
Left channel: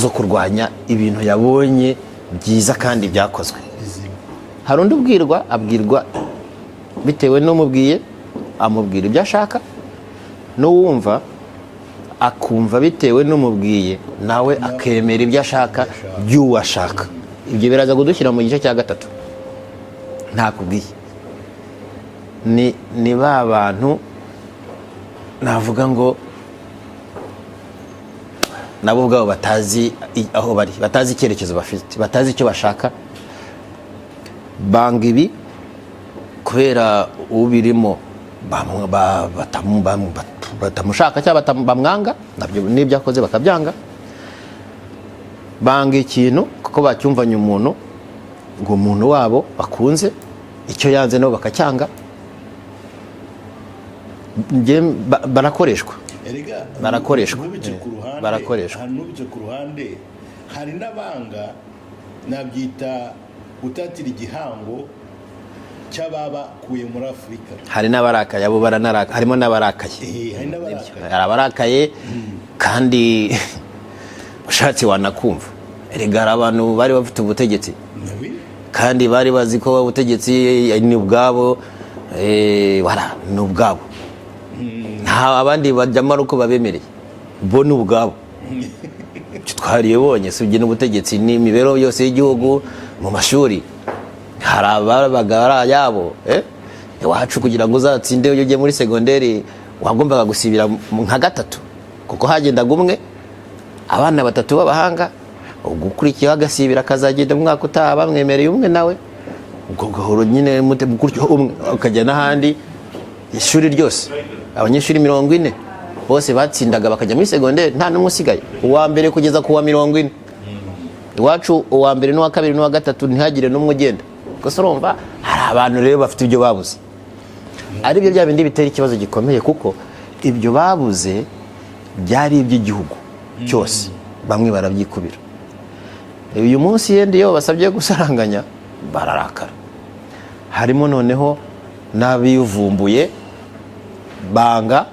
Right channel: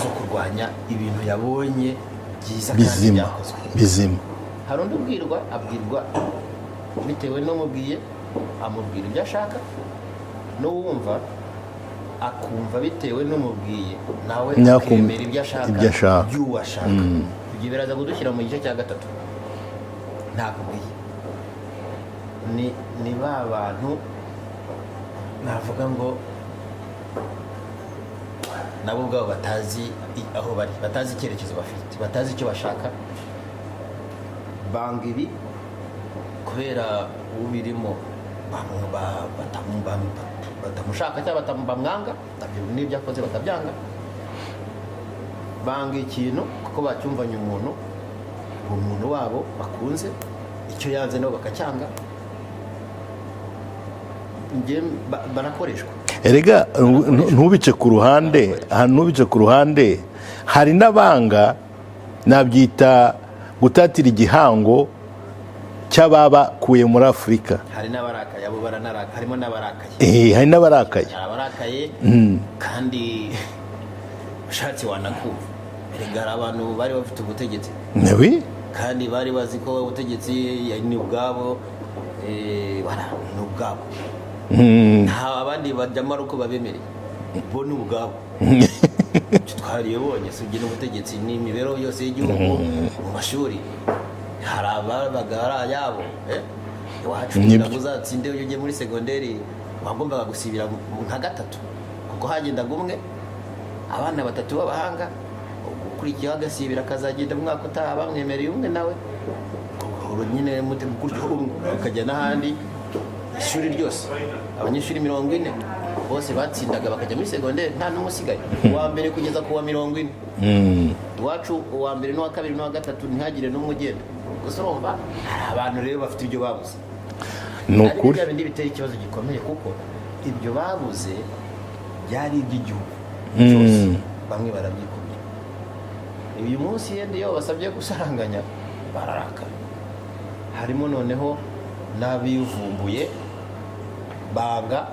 zo kurwanya ibintu yabonye byiza kandi byakozwe bizima hari undi abwirwa bitewe n'umubwiye amubwira ibyo ashaka n'uwumva akumva bitewe n'umubwiye nawe akemera ibyo ashaka by'uwo ashaka ibyo biraza kudushyira mu gice cya gatatu ntakubwiye ni ba bantu navuga ngo nabo ubwabo batazi aho bari batazi icyerekezo bafite batazi icyo bashaka banga ibi kubera ubirimo batamushaka cyangwa bamwanga nabyo n'ibyo akoze bakabyanga banga ikintu kuko bacyumvanye umuntu ngo umuntu wabo bakunze icyo yanze nabo bakacyanga barakoreshwa erega ntubice ku ruhande hari n'abanga nabyita gutatira igihango cy'ababakuye muri Afurika hari n'abarakaye abo harimo n'abarakaye hari n'abarakaye hari abarakaye kandi ushatse wanakumva erega hari abantu bari bafite ubutegetsi kandi bari bazi ko ubutegetsi ni ubwabo ni ubwabo nta abandi bajyamo uko babemereye bo ni ubwabo twariye bonye sibye n'ubutegetsi n'imibereho yose y'igihugu mu mashuri hari ababaga yabo iwacu kugira ngo uzatsinde iyo ugiye muri segonderi wagombaga gusibira nka gatatu kuko hagendaga umwe abana batatu b'abahanga ugukurikiye agasibira akazagenda mu mwaka utaha bamwemereye umwe nawe ubwo gahoro nyine gutyo umwe ukajya n'ahandi ishuri ryose abanyeshuri 40 bose batsindaga bakajya muri segonderi nta n'umwe usigaye uwa mbere kugeza ku wa 40 iwacu uwa mbere n'uwa kabiri n'uwa gatatu ntihagire n'umwe ugenda gusa urumva hari abantu rero bafite ibyo babuze ariko bya bindi bitera ikibazo gikomeye kuko ibyo babuze byari iby'igihugu cyose bamwe barabyikubira uyu munsi yende iyo basabye gusaranganya bararakara harimo noneho n'abivumbuye banga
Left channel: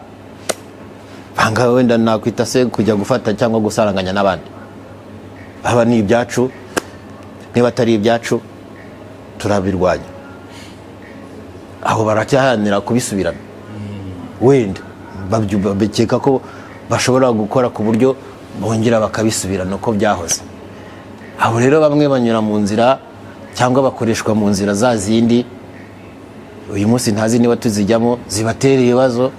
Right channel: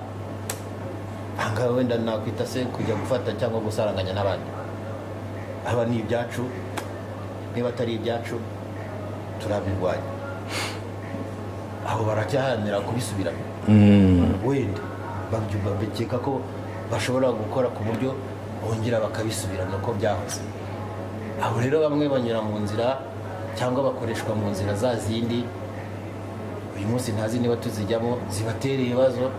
wenda nakwita se kujya gufata cyangwa gusaranganya n'abandi aba ni ibyacu niba atari ibyacu turabirwanya aho baracyahanira kubisubirana wenda bakeka ko bashobora gukora ku buryo bongera bakabisubirana uko byahoze aho rero bamwe banyura mu nzira cyangwa bakoreshwa mu nzira za zindi uyu munsi ntazi niba tuzijyamo zibatera ibibazo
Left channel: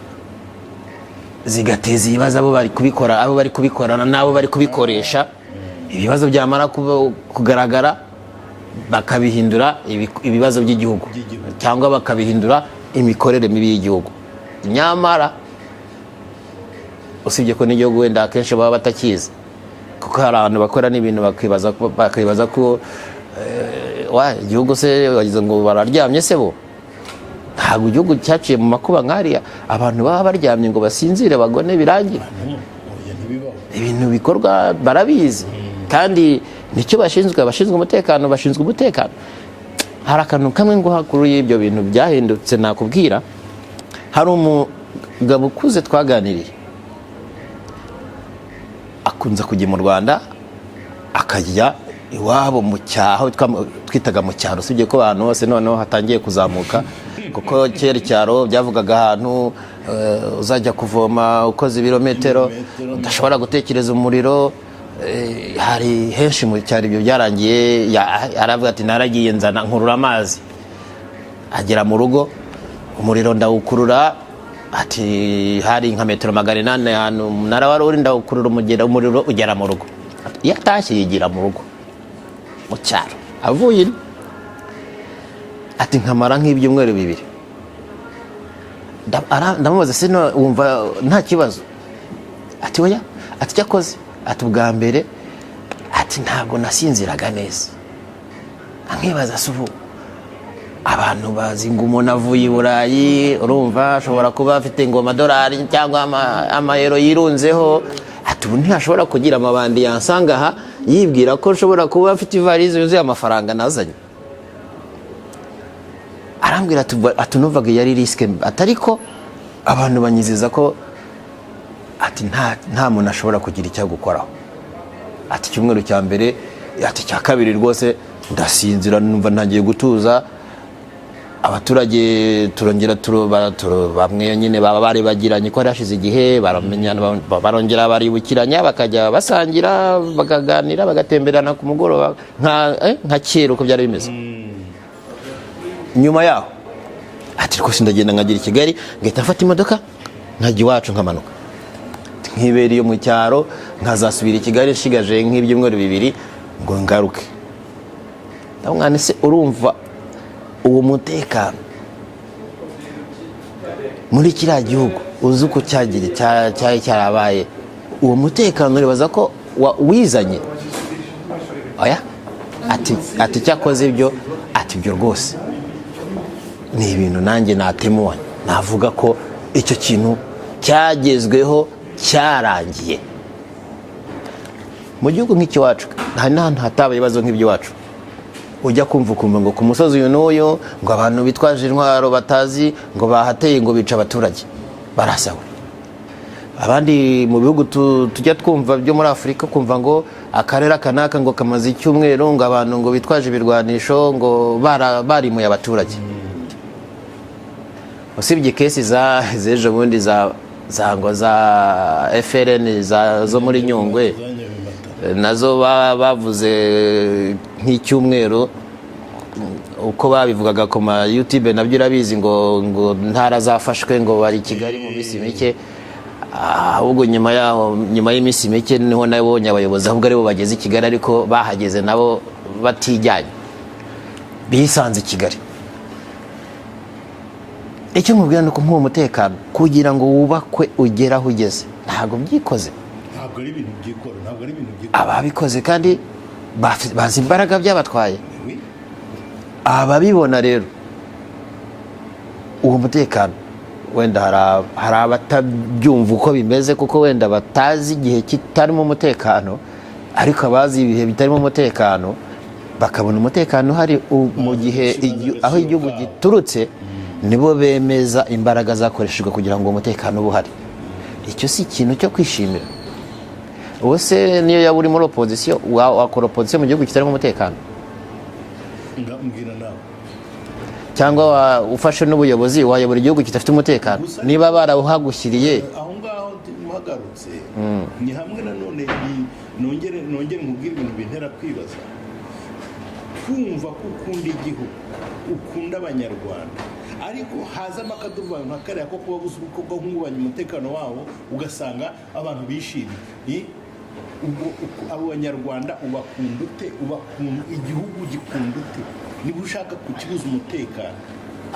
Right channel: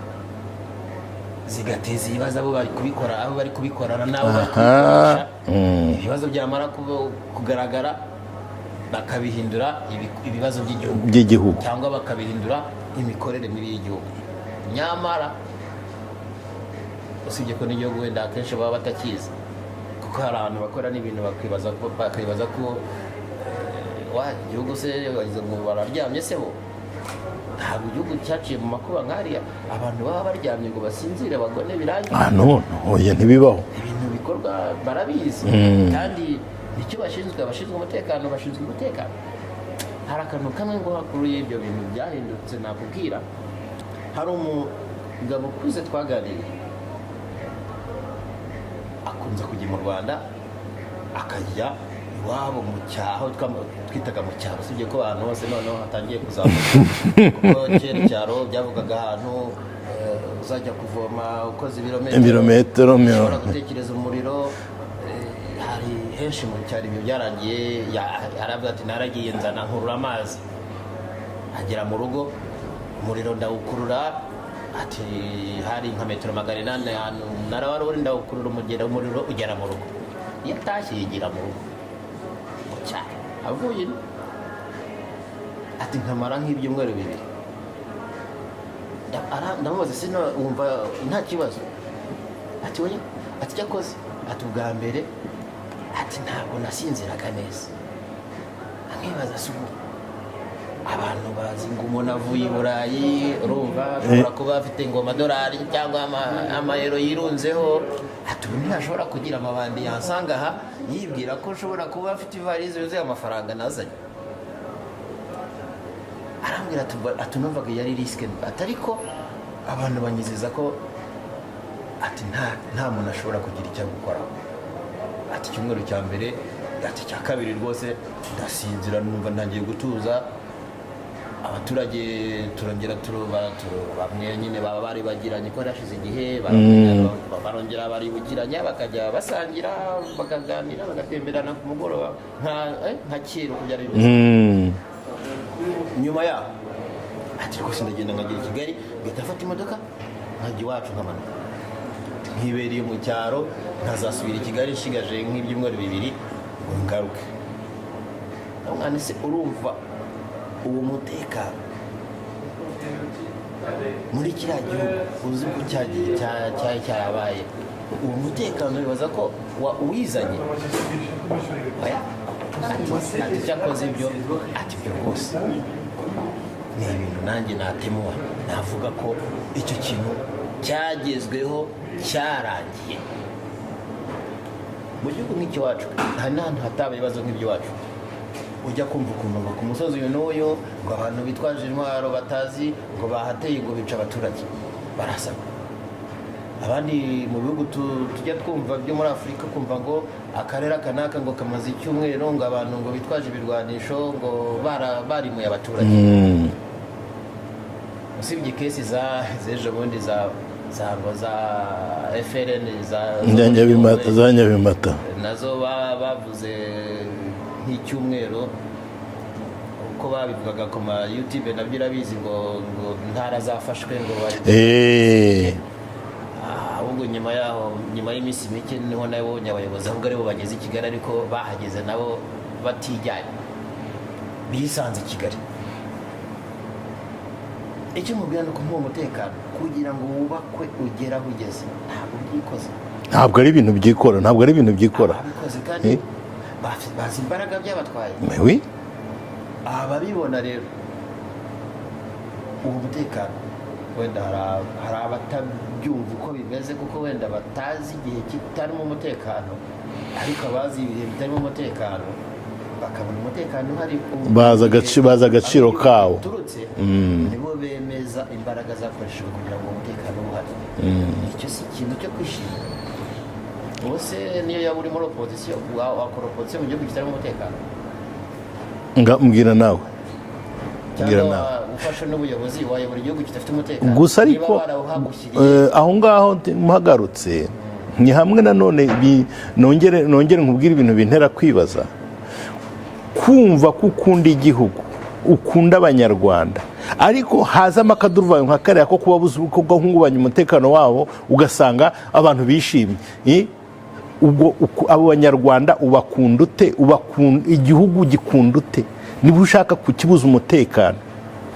zigateza ibibazo abo bari kubikorana n'abo bari kubikoresha ibibazo byamara kugaragara bakabihindura ibibazo by'igihugu cyangwa bakabihindura imikorere mibi y'igihugu. Nyamara usibye ko n'igihugu wenda akenshi baba batakizi kuko hari abantu bakora n'ibintu bakibaza ko igihugu se wagize ngo bararyamye se bo. Ntabwo igihugu cyaciye mu makuba nk'ariya abantu baba baryamye ngo basinzire bagone birangiye. Oya ntibibaho. Ibintu bikorwa barabizi kandi nicyo bashinzwe umutekano. Hari akantu kamwe ngo hakuru y'ibyo bintu byahindutse nakubwira. Hari umugabo ukuze twaganiriye akunze kujya mu Rwanda akajya iwabo mu cyaho twitaga mu cyaro, usibye ko abantu bose noneho hatangiye kuzamuka kuko kera icyaro byavugaga ahantu uzajya kuvoma ukoze ibirometero udashobora gutekereza umuriro. Hari henshi mu cyaro ibyo byarangiye. Aravuga ati naragiye nzana nkurura amazi, agera mu rugo umuriro ndawukurura, ati hari nka metero 800 ahantu umunara wari uri, ndawukurura umuriro ugera mu rugo. Iyo atashye yigira mu rugo mu cyaro, avuye ati nkamara nk'ibyumweru 2. Ndamubaza se wumva nta kibazo? Ati oya, ati cyakoze, ati ubwa mbere ati ntabwo nasinziraga neza. Nkibaza se ubu abantu bazi ngo umuntu avuye i Burayi, urumva ashobora kuba afite ngo amadolari cyangwa amayero yirunzeho, ati ubu ntashobora kugira amabandi yansanga aha yibwira ko nshobora kuba afite ivalize yuzuye amafaranga nazanye. Arambwira ati numvaga yari risike, atariko abantu banyizeza ko ati nta muntu ashobora kugira icyo gukoraho. Ati cyumweru cya mbere, ati cya kabiri rwose ndasinzira numva ntangiye gutuza. Abaturage turongera bamwe nyine baba bari bagiranye ko hashize igihe baramenyana, barongera baribukiranya bakajya basangira bakaganira bagatemberana ku mugoroba nka kera uko byari bimeze. Nyuma yaho ati rwose ndagenda nkagira i Kigali ngahita mfata imodoka nkajya iwacu nkamanuka nkibera iyo mu cyaro nkazasubira i Kigali nshigaje nk'ibyumweru 2 ngo ngaruke. Ndamwana se urumva uwo mutekano muri kiriya gihugu uzi uko cyarabaye, uwo mutekano uribaza ko wizanye? Oya, ati cyakoze ibyo, ati ibyo rwose ni ibintu nanjye natemuanye, navuga ko icyo kintu cyagezweho cyarangiye. Mu gihugu nk'ikiwacu hari n'ahantu hataba ibibazo nk'iby'iwacu. Ujya kumva ngo ku musozi uyu n'uyu ngo abantu bitwaje intwaro batazi ngo bahateye ngo bica abaturage barasawe. Abandi mu bihugu tujya twumva byo muri Afurika kumva ngo akarere kanaka ngo kamaze icyumweru ngo abantu ngo bitwaje ibirwanisho ngo barimuye abaturage. Usibye kesi z'ejo bundi za FRN zo muri Nyungwe nazo bavuze nk'icyumweru uko babivugaga ku ma YouTube nabyo irabizi ngo ntara zafashwe ngo bari Kigali. Ahubwo nyuma y'iminsi mike niho nabonye abayobozi ahubwo aribo bageze i Kigali, ariko bahageze nabo batijyanye bisanze i Kigali. Icyo mubwira nuko nk'uwo mutekano kugira ngo wubakwe ugera aho ugeze ntabwo byikoze, ntabwo ari ibintu byikora, ababikoze kandi bazi imbaraga byabatwaye. Ababibona rero uwo mutekano wenda hari abatabyumva uko bimeze kuko wenda batazi igihe kitarimo umutekano, ariko abazi ibihe bitarimo umutekano bakabona umutekano hari baza agaciro kawo turutse nibo bemeza imbaraga zakoreshejwe kugira ngo umutekano ube uhari. Icyo si ikintu cyo kwishimira. Ubuse niyo yaba uri muri opozisiyo wakora opozisiyo mu gihugu kitarimo umutekano? Mbwira nawe. Cyangwa ufashe n'ubuyobozi wayobora igihugu kidafite umutekano niba barawuhagushyiriye aho ngaho muhagarutse. Ni hamwe nanone nongere nkubwira ibintu bintera kwibaza. Kumva ko ukunda igihugu, ukunda abanyarwanda, ariko hazamo akaduruvayo nka kariya ko kuba guhungabanya umutekano wabo ugasanga abantu bishimye. Ubwo abo banyarwanda ubakunda ute? Igihugu gikunda ute niba ushaka kukibuza umutekano?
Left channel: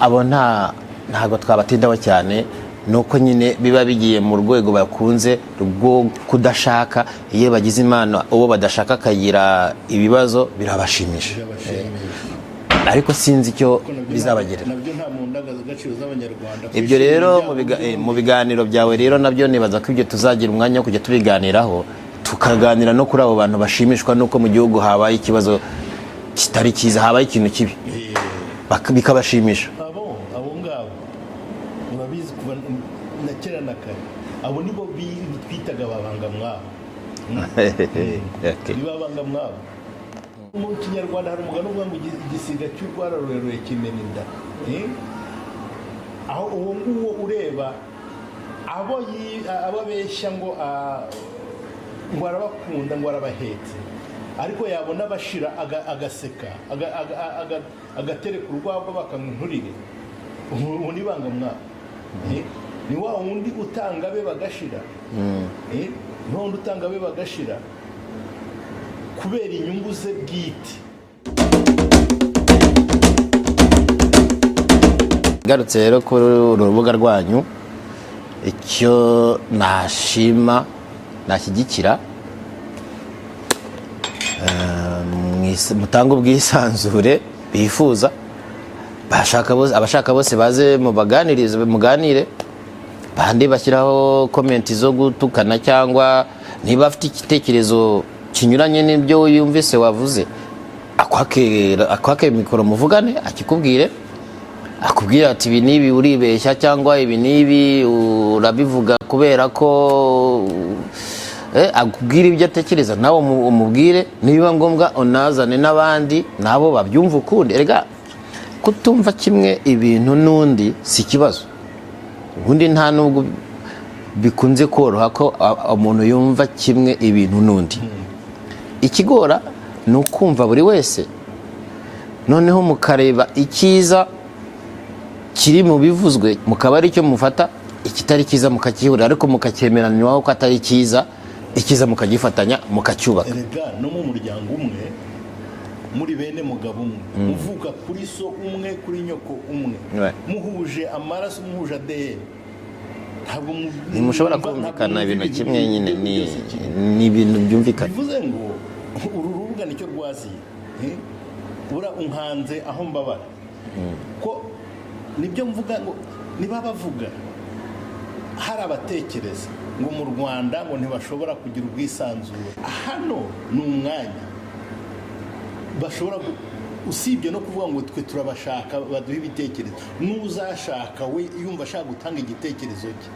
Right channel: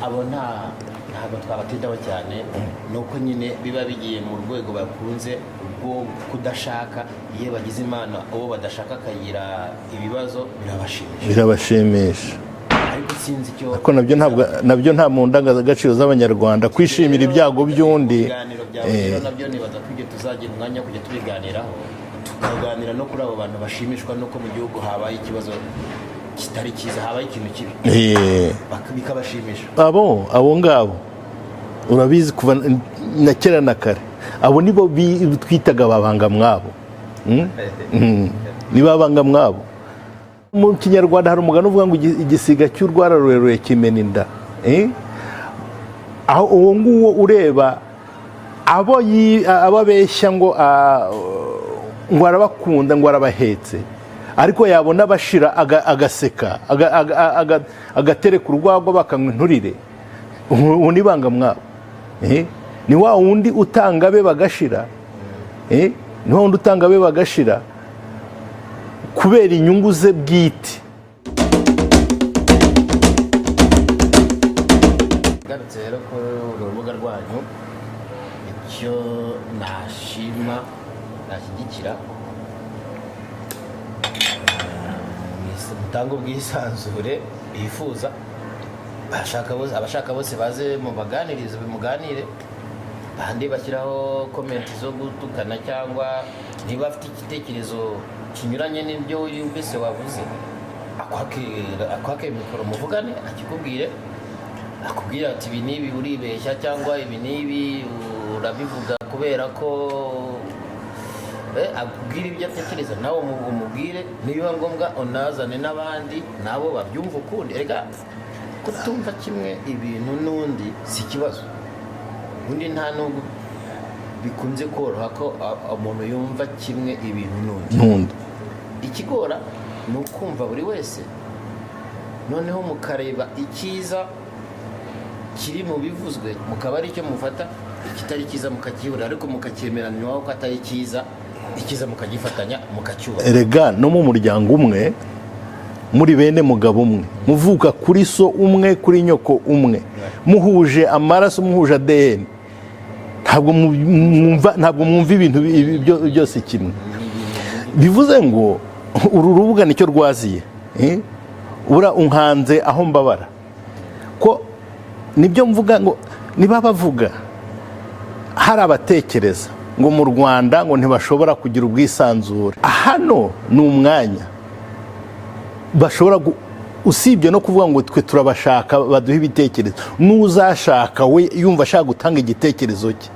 Abo ntago twabatindaho cyane, nuko nyine biba bigiye mu rwego bakunze rwo kudashaka. Iyo bagize imana uwo badashaka akagira ibibazo birabashimisha, ariko sinzi icyo nabyo nta mu ndangagaciro z'abanyarwanda kwishimira ibyago by'undi. Mu biganiro byawe rero nabyo nibaza ko ibyo tuzagira umwanya wo kujya tubiganiraho, tukaganira no kuri abo bantu bashimishwa nuko mu gihugu habaye ikibazo kitari cyiza, habaye ikintu kibi bikabashimisha. Abo ngabo urabizi kuva na kera na kare, abo nibo twitaga babanga mwabo. Ni babanga mwabo. Mu Kinyarwanda hari umugani uvuga ngo igisiga cy'urwara rurerure kimena inda. Aho uwo nguwo ureba abo abeshya ngo arabakunda ngo arabahetse, ariko yabona bashira agaseka agatereka urwagwa bakanywa inturire, uwo ni banga mwabo. Ni wa wundi utanga be bagashira, ni wa wundi utanga be bagashira kubera inyungu ze bwite. Garutse rero kuri urubuga rwanyu, icyo nashima nashyigikira, mutanga ubwisanzure bifuza, abashaka bose baze muganire, bandi bashyiraho komenti zo gutukana cyangwa niba afite igitekerezo kinyuranye n'ibyo yumvise wavuze, akwake mikoro muvugane, akikubwire, akubwira ati ibi nibi uribeshya cyangwa ibi nibi urabivuga kubera ko akubwira ibyo atekereza, nawe umubwire, niba ngombwa unazane n'abandi nabo babyumva ukundi. Erega kutumva kimwe ibintu n'undi si ikibazo, ubundi nta nubwo bikunze koroha ko umuntu yumva kimwe ibintu n'undi. Ikigora ni ukumva buri wese, noneho mukareba icyiza kiri mu bivuzwe, mukaba ari cyo mufata, ikitari cyiza mukakihurira, ariko mukacyemeranywaho ko atari cyiza, icyiza mukagifatanya mukacyubaka. Erega no mu muryango umwe, muri bene mugabo umwe, muvuka kuri so umwe, kuri nyoko umwe, muhuje amaraso, muhuje ADN, ntabwo mwumva ibintu byose kimwe. Bivuze ngo uru rubuga nicyo rwaziye, ura unkanze aho mbabara, ko nibyo mvuga ngo niba bavuga hari abatekereza ngo mu Rwanda ngo ntibashobora kugira ubwisanzure. Hano ni umwanya bashobora usibye no kuvuga ngo twe turabashaka baduha ibitekerezo, n'uzashaka we yumva ashaka gutanga igitekerezo cye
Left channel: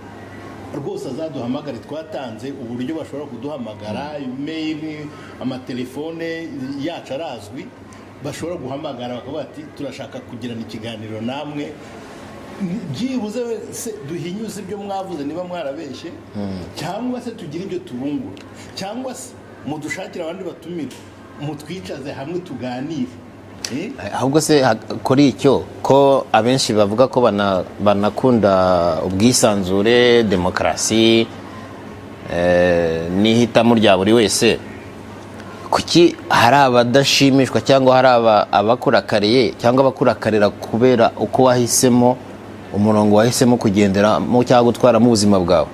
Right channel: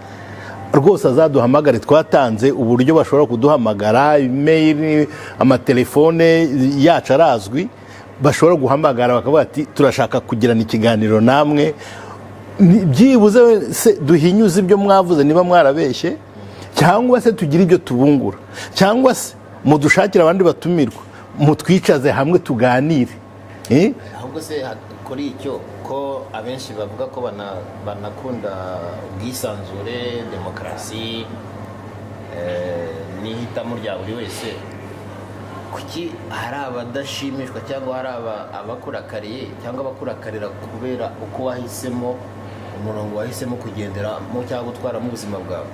rwose azaduhamagare. Twatanze uburyo bashobora kuduhamagara, email, amatelefone yacu arazwi, bashobora guhamagara bakavuga ati turashaka kugirana ikiganiro namwe, byibuze se duhinyuze ibyo mwavuze niba mwarabeshye, cyangwa se tugira ibyo tubungura, cyangwa se mudushakira abandi batumirwa, mutwicaze hamwe tuganire. Ahubwo se kuri icyo ko abenshi bavuga ko banakunda ubwisanzure, demokarasi n'ihitamo rya buri wese, kuki hari abadashimishwa cyangwa hari abakurakariye cyangwa abakurakarira kubera uko wahisemo umurongo wahisemo kugenderamo cyangwa gutwaramo ubuzima bwawe?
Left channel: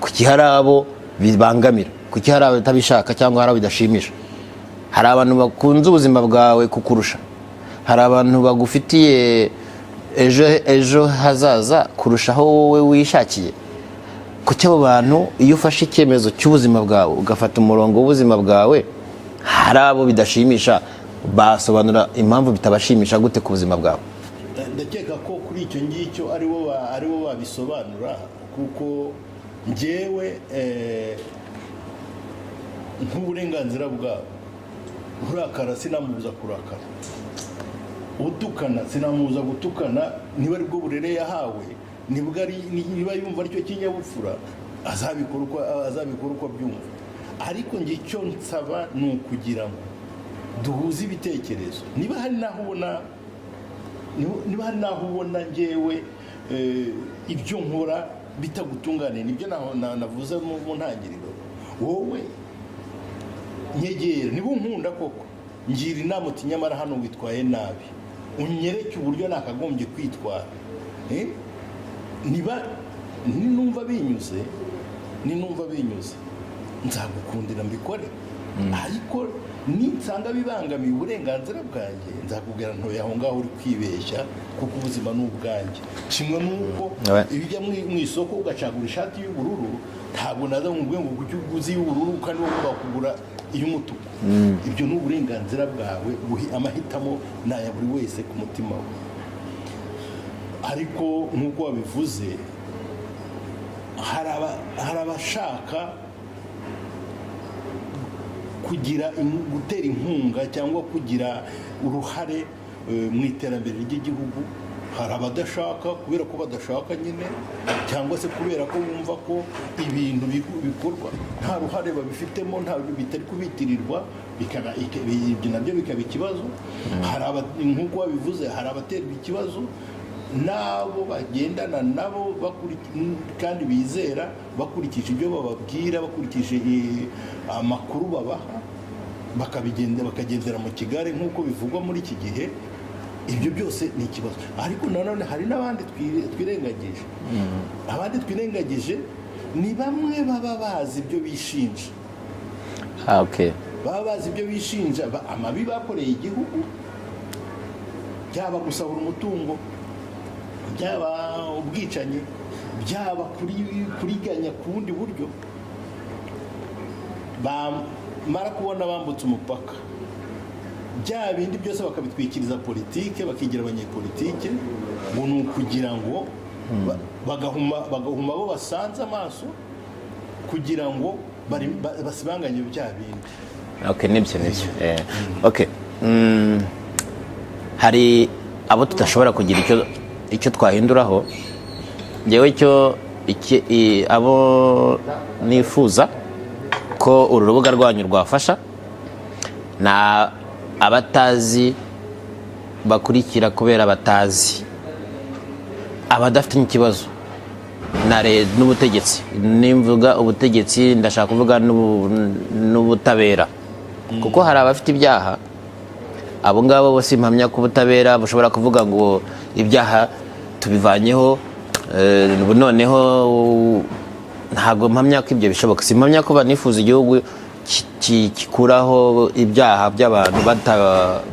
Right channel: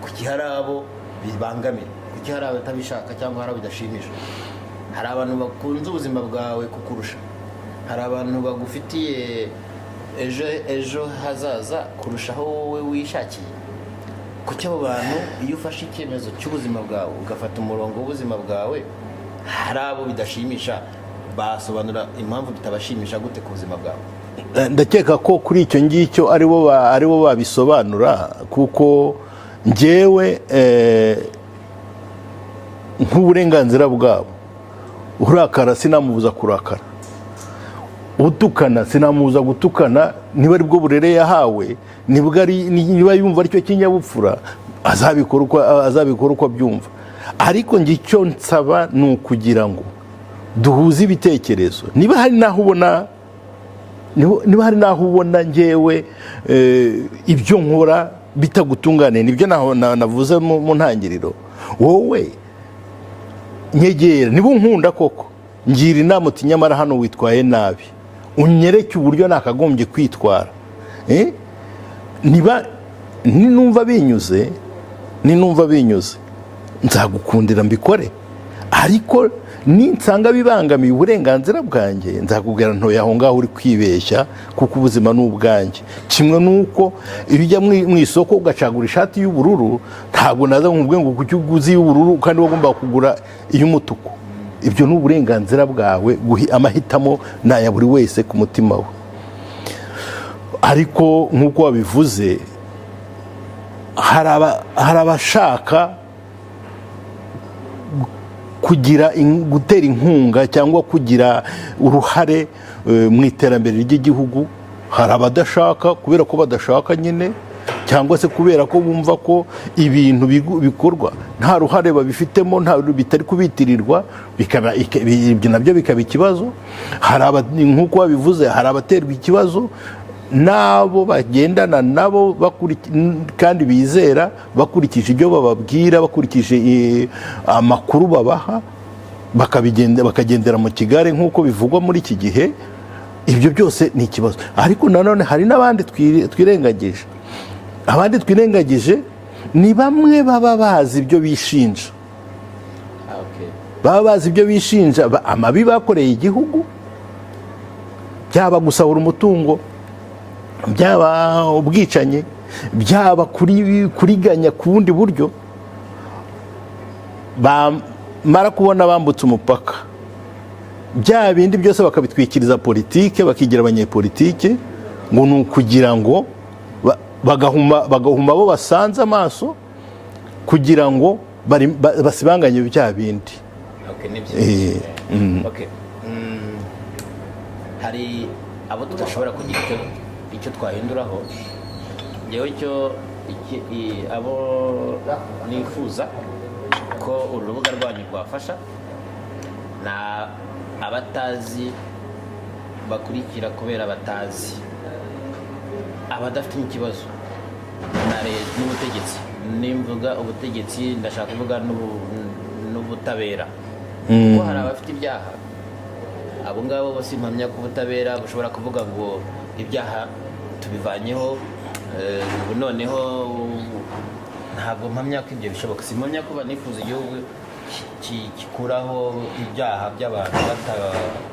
Kuki hari abo bibangamira? Kuki hari abatabishaka cyangwa hari abidashimisha? Hari abantu bakunze ubuzima bwawe kukurusha, hari abantu bagufitiye ejo hazaza kurushaho wowe wishakiye. Kuki abo bantu iyo ufashe icyemezo cy'ubuzima bwawe ugafata umurongo w'ubuzima bwawe, hari abo bidashimisha, basobanura impamvu bitabashimisha gute ku buzima bwawe? Ndakeka ko kuri icyo ngicyo aribo babisobanura, kuko njyewe nk'uburenganzira bwabo, urakara sinamubuza kurakara, utukana sinamubuza gutukana, niba ari bwo burere yahawe, niba yumva aricyo kinyabupfura azabikora uko abyumva. Ariko njye icyo nsaba ni ukugira ngo duhuze ibitekerezo. Niba hari naho ubona niba hari naho ubona ngewe ibyo nkora bitagutunganiye, nibyo navuze mu ntangiriro, wowe nyegera niba unkunda koko ngira inama uti nyamara hano witwaye nabi, unyereke uburyo nakagombye kwitwara. Niba ninumva binyuze nzagukundira mbikore, ariko ninsanga bibangamiye uburenganzira bwanjye nzakubwira ntoya aho ngaho uri kwibeshya, kuko ubuzima ni ubwanjye. Kimwe nuko iyo ujya mu isoko ugacagura ishati y'ubururu, ntabwo naza nkubwiye ngo kuki uguze y'ubururu kandi wagomba kugura iy'umutuku. Ibyo ni uburenganzira bwawe, amahitamo ni aya buri wese ku mutima we. Ariko nk'uko wabivuze, hari abashaka gutera inkunga cyangwa kugira uruhare mu iterambere ry'igihugu. Hari abadashaka kubera ko badashaka nyine, cyangwa se kubera ko bumva ko ibintu bikorwa nta ruhare babifitemo, bitari kubitirirwa, ibyo nabyo bikaba ikibazo. Nk'uko wabivuze, hari abaterwa ikibazo nabo bagendana nabo kandi bizera, bakurikije ibyo bababwira, bakurikije amakuru babaha, bakagendera mu kigare nk'uko bivugwa muri iki gihe. Ibyo byose ni ikibazo. Ariko nanone hari n'abandi twirengagije. Abandi twirengagije ni bamwe baba bazi ibyo bishinja. Baba bazi ibyo bishinja, amabi bakoreye igihugu, byaba gusahura umutungo, byaba ubwicanyi, byaba kuriganya ku bundi buryo. Bamara kubona bambutse umupaka, bya bindi byose bakabitwikiriza politike, bakigira abanyepolitike, ngo ni ukugira ngo bagahuma abo basanze amaso, kugira ngo basibanganye bya bindi. Hari abo tudashobora kugira icyo twahinduraho. Ngewe abo nifuza ko uru rubuga rwanyu rwafasha na abatazi bakurikira kubera batazi, abadafite ikibazo n'ubutegetsi. Nimvuga ubutegetsi ndashaka kuvuga n'ubutabera, kuko hari abafite ibyaha. Abo ngabo bose impamya ko ubutabera bushobora kuvuga ngo ibyaha tubivanyeho, noneho ntabwo mpamya ko ibyo bishoboka. Simpamya ko banifuza igihugu gikuraho ibyaha by'abantu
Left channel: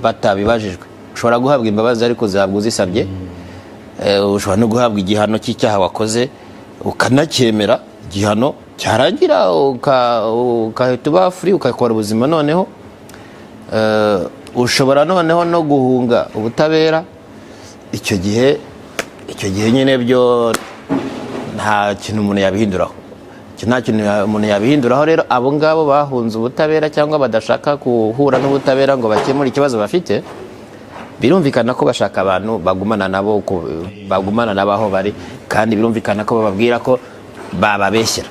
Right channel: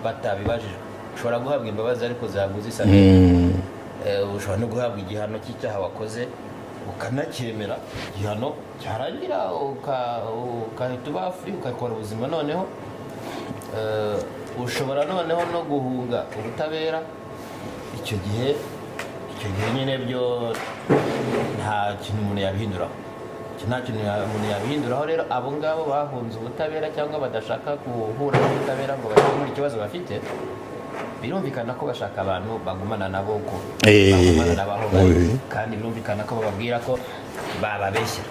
batabibajijwe. Ushobora guhabwa imbabazi ariko zihabwa uzisabye. Ushobora no guhabwa igihano cy'icyaha wakoze ukanacyemera, igihano cyarangira ukahita uba free ukakora ubuzima. Noneho ushobora noneho no guhunga ubutabera. Icyo gihe nyine byo nta kintu umuntu yabihinduraho. Rero abo ngabo bahunze ubutabera cyangwa badashaka guhura n'ubutabera ngo bakemure ikibazo bafite, birumvikana ko bashaka abantu bagumana nabo, bagumana nabaho bari, kandi birumvikana ko bababwira ko bababeshyera.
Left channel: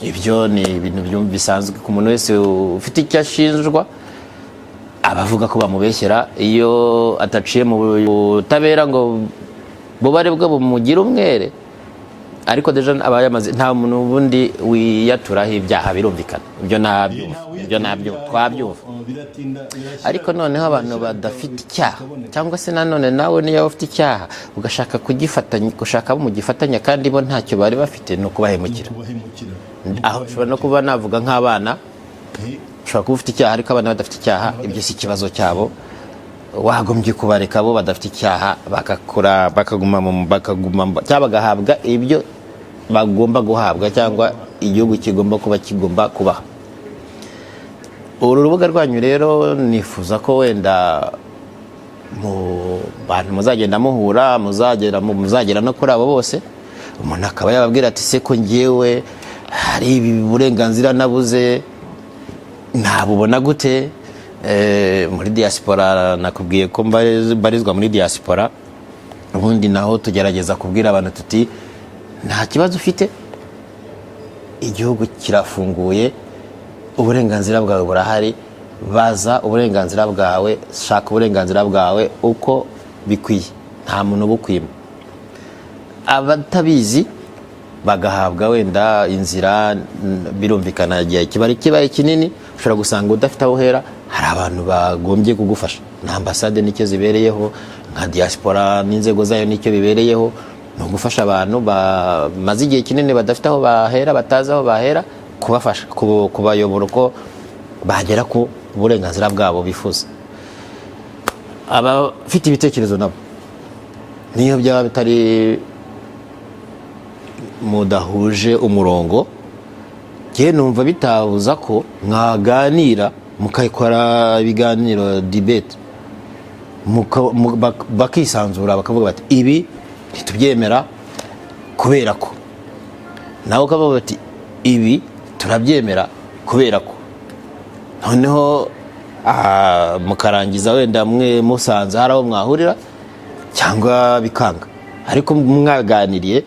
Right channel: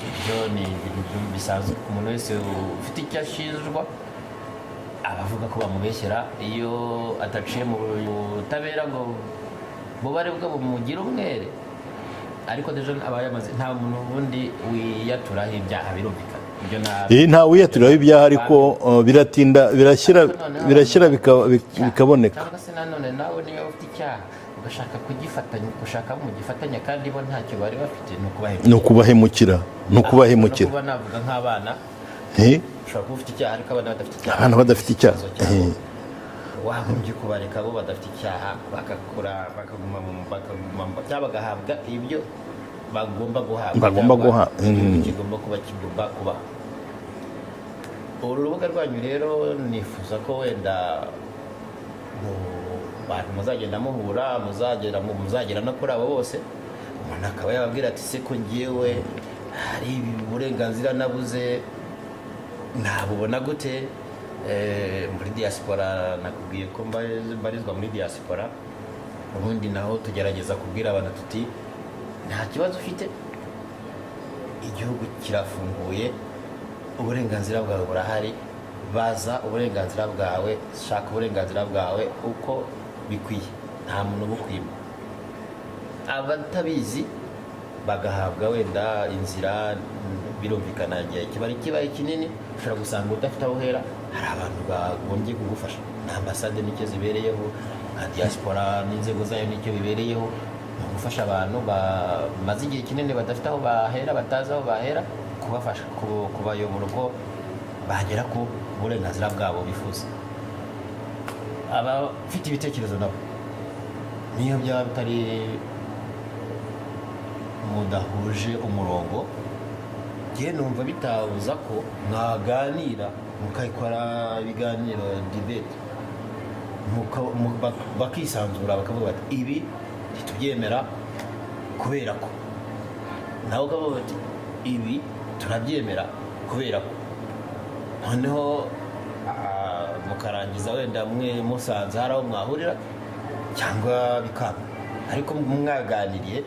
Ibyo ni ibintu bisanzwe ku muntu wese ufite icyo ashinjwa, abavuga ko bamubeshyera. Iyo ataciye mu butabera ngo bubare bwo bumugira umwere, ariko deja abayamaze, nta muntu ubundi wiyaturaho ibyaha, birumvikana. Ibyo nta wiyaturaho ibyaha, ariko biratinda birashyira bikaboneka. Cyangwa se nanone nawe niyo ufite icyaha ugashaka kugifatanya, gushaka abo mugifatanya kandi bo ntacyo bari bafite, no kubahemukira. No kuba navuga nk'abana, ushobora kuba ufite icyaha ariko abana badafite icyaha, badafite ikibazo cyabo, wagombye kubareka bo badafite icyaha bakaguma cyangwa bagahabwa ibyo bagomba guhabwa, cyangwa igihugu kigomba kubaha. Uru rubuga rwanyu rero nifuza ko wenda mu bantu muzagenda muhura, muzagera no kuri abo bose, umuntu akaba yababwira ati se ko ngewe hari ibi burenganzira nabuze, ntabubona gute? Muri diaspora nakubwiye ko mbarizwa muri diaspora, ubundi naho tugerageza kubwira abantu tuti nta kibazo ufite, igihugu kirafunguye, uburenganzira bwawe burahari, baza uburenganzira bwawe, shaka uburenganzira bwawe uko bikwiye. nta muntu ubukwima. Abatabizi bagahabwa wenda inzira, birumvikana igihe kibaye kinini ushobora gusanga udafite aho uhera. Hari abantu bagombye kugufasha, na ambasade nicyo zibereyeho, nka diaspora n'inzego zayo nicyo bibereyeho, no gufasha abantu bamaze igihe kinini badafite aho bahera, batazi aho bahera, kubafasha kubayobora uko bagera ku burenganzira bwabo bifuza. Abafite ibitekerezo nabo niyo byaba bitari mudahuje umurongo, njye numva bitabuza ko mwaganira mukayikora ibiganiro debate, bakisanzura bakavuga bati ibi ntitubyemera kubera ko, nawe ukavuga bati ibi turabyemera kubera ko, noneho mukarangiza wenda mwe musanze hari aho mwahurira cyangwa bikanga, ariko mwaganiriye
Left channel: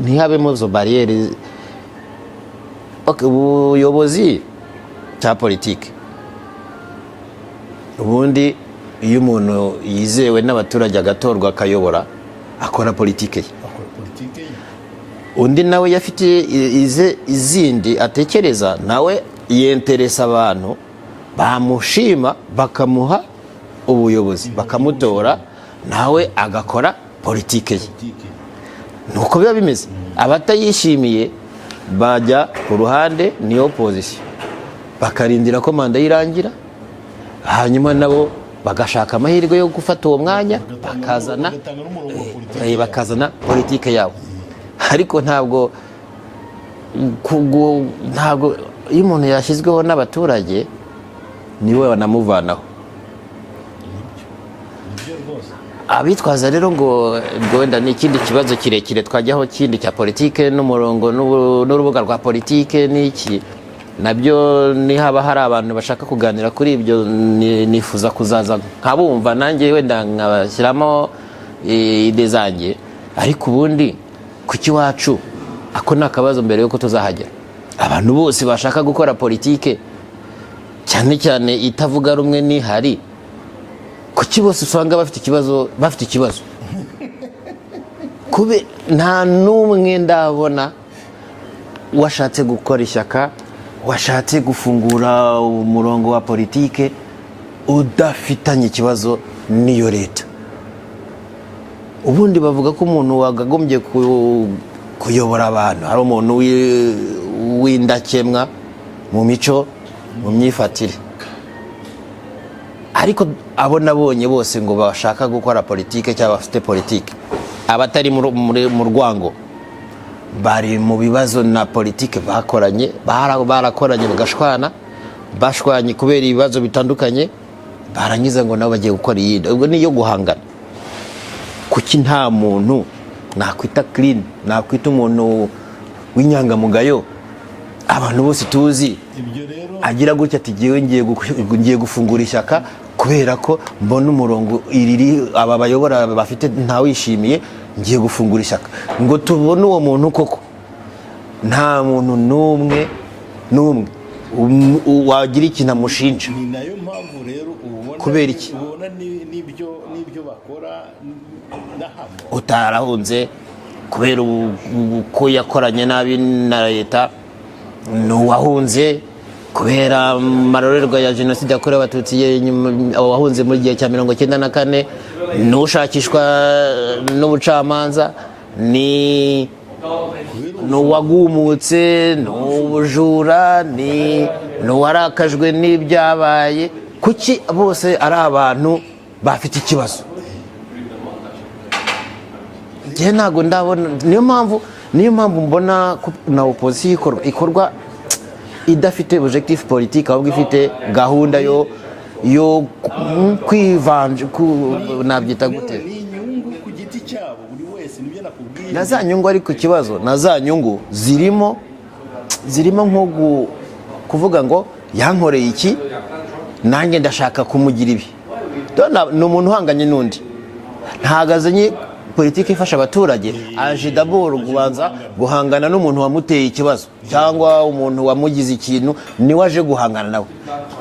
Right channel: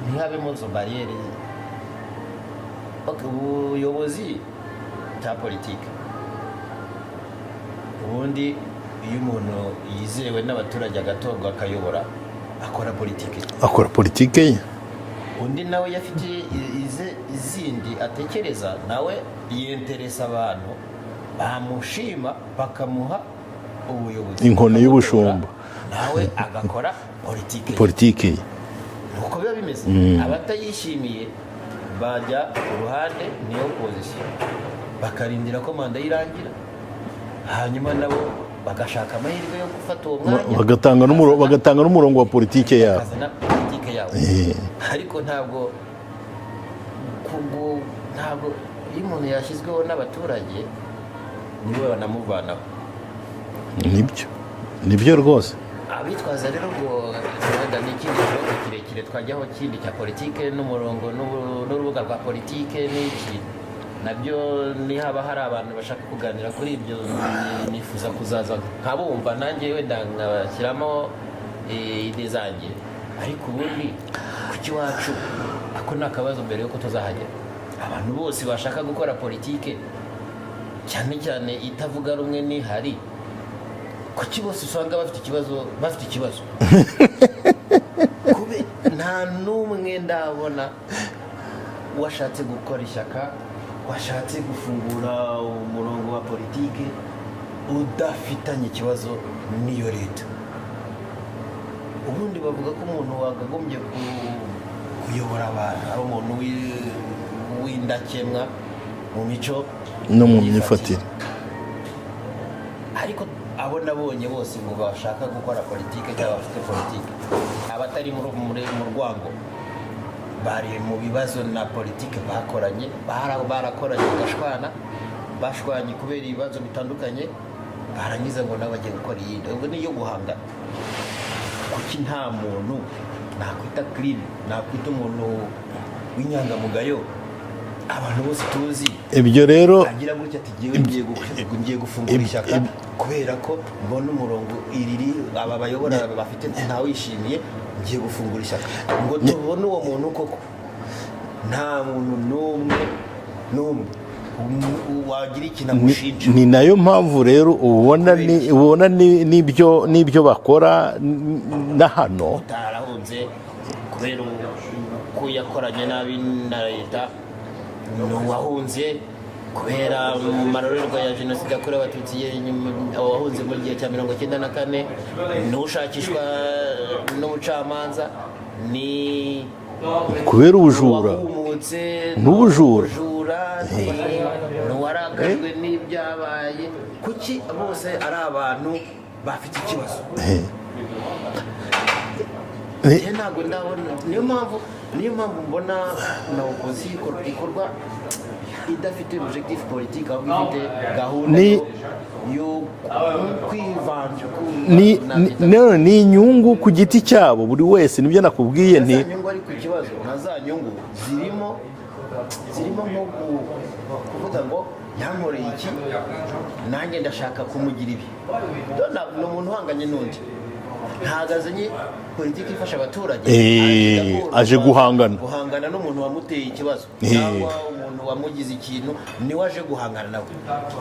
ntihabemo izo bariyeri. Ubuyobozi cya politiki ubundi iyo umuntu yizewe n'abaturage agatorwa akayobora, akora politike ye. Undi nawe yafite izindi atekereza, nawe yenteresa abantu bamushima bakamuha ubuyobozi bakamutora, nawe agakora politike ye. Nuko biba bimeze. Abatayishimiye bajya ku ruhande, ni opposition, bakarindira ko manda yirangira, hanyuma nabo bagashaka amahirwe yo gufata uwo mwanya, bagatanga n'umurongo wa politike yabo, bakazana politike yabo. Ariko ntabwo iyo umuntu yashyizweho n'abaturage niwe banamuvanaho. Nibyo rwose. Abitwaza rero ngo wenda ni ikindi kibazo kirekire twajyaho kindi cya politike n'umurongo n'urubuga rwa politike n'iki, nabyo nihaba hari abantu bashaka kuganira kuri ibyo, nifuza kuzaza nkabumva nanjye wenda nkabashyiramo ide zanjye. Ariko ubundi kuki wacu ako ni akabazo mbere yuko tuzahagera. Abantu bose bashaka gukora politike cyane cyane itavuga rumwe n'ihari, kuki bose usanga bafite ikibazo kube nta n'umwe ndabona washatse gukora ishyaka, washatse gufungura umurongo wa politike udafitanye ikibazo n'iyo leta. Ubundi bavuga ko umuntu wagagombye kuyobora abantu hari umuntu w'indakemwa mu mico no mu myifatire. Ariko abo nabonye bose ngo bashaka gukora politike cyangwa bafite politike, abatari mu rwango, bari mu bibazo na politike bakoranye, barakoranye bashwanye kubera ibibazo bitandukanye, barangiza ngo nabo bagiye gukora iyindi. Ubwo niyo guhangana. Kuki nta muntu nakwita clean, nakwita umuntu w'inyangamugayo abantu bose tuzi ibyo rero agira gutya ati ngiye gufungura ishyaka kubera ko mbona umurongo aba bayobora bafite ntawishimiye, ngiye gufungura ishyaka ngo tubone uwo muntu koko. Nta muntu n'umwe wagira ikintu amushinja. Ni nayo mpamvu rero ubona n'ibyo bakora na hano utarahunze kubera uko yakoranye nabi na leta, n'uwahunze kubera amarorerwa ya jenoside yakorewe abatutsi, wahunze muri gihe cya 1994, n'ushakishwa n'ubucamanza, ni kubera uwagumutse n'ubujura, n'uwarakajwe n'ibyabaye. Kuki bose ari abantu bafite ikibazo? Ntabwo ndabona. Niyo mpamvu mbona na opposition ikorwa idafite objectif politique, ahubwo ifite gahunda yo kwivanje ni inyungu ku giti cyabo buri wese. Nibyo nakubwiye, na za nyungu. Ariko ikibazo na za nyungu zirimo nko kuvuga ngo yankoreye iki, nanjye ndashaka kumugira ibi. Ni umuntu uhanganye n'undi, ntagazanye politiki ifasha abaturage aje d'abord guhangana n'umuntu wamuteye ikibazo cyangwa umuntu wamugize ikintu niwe aje guhangana nawe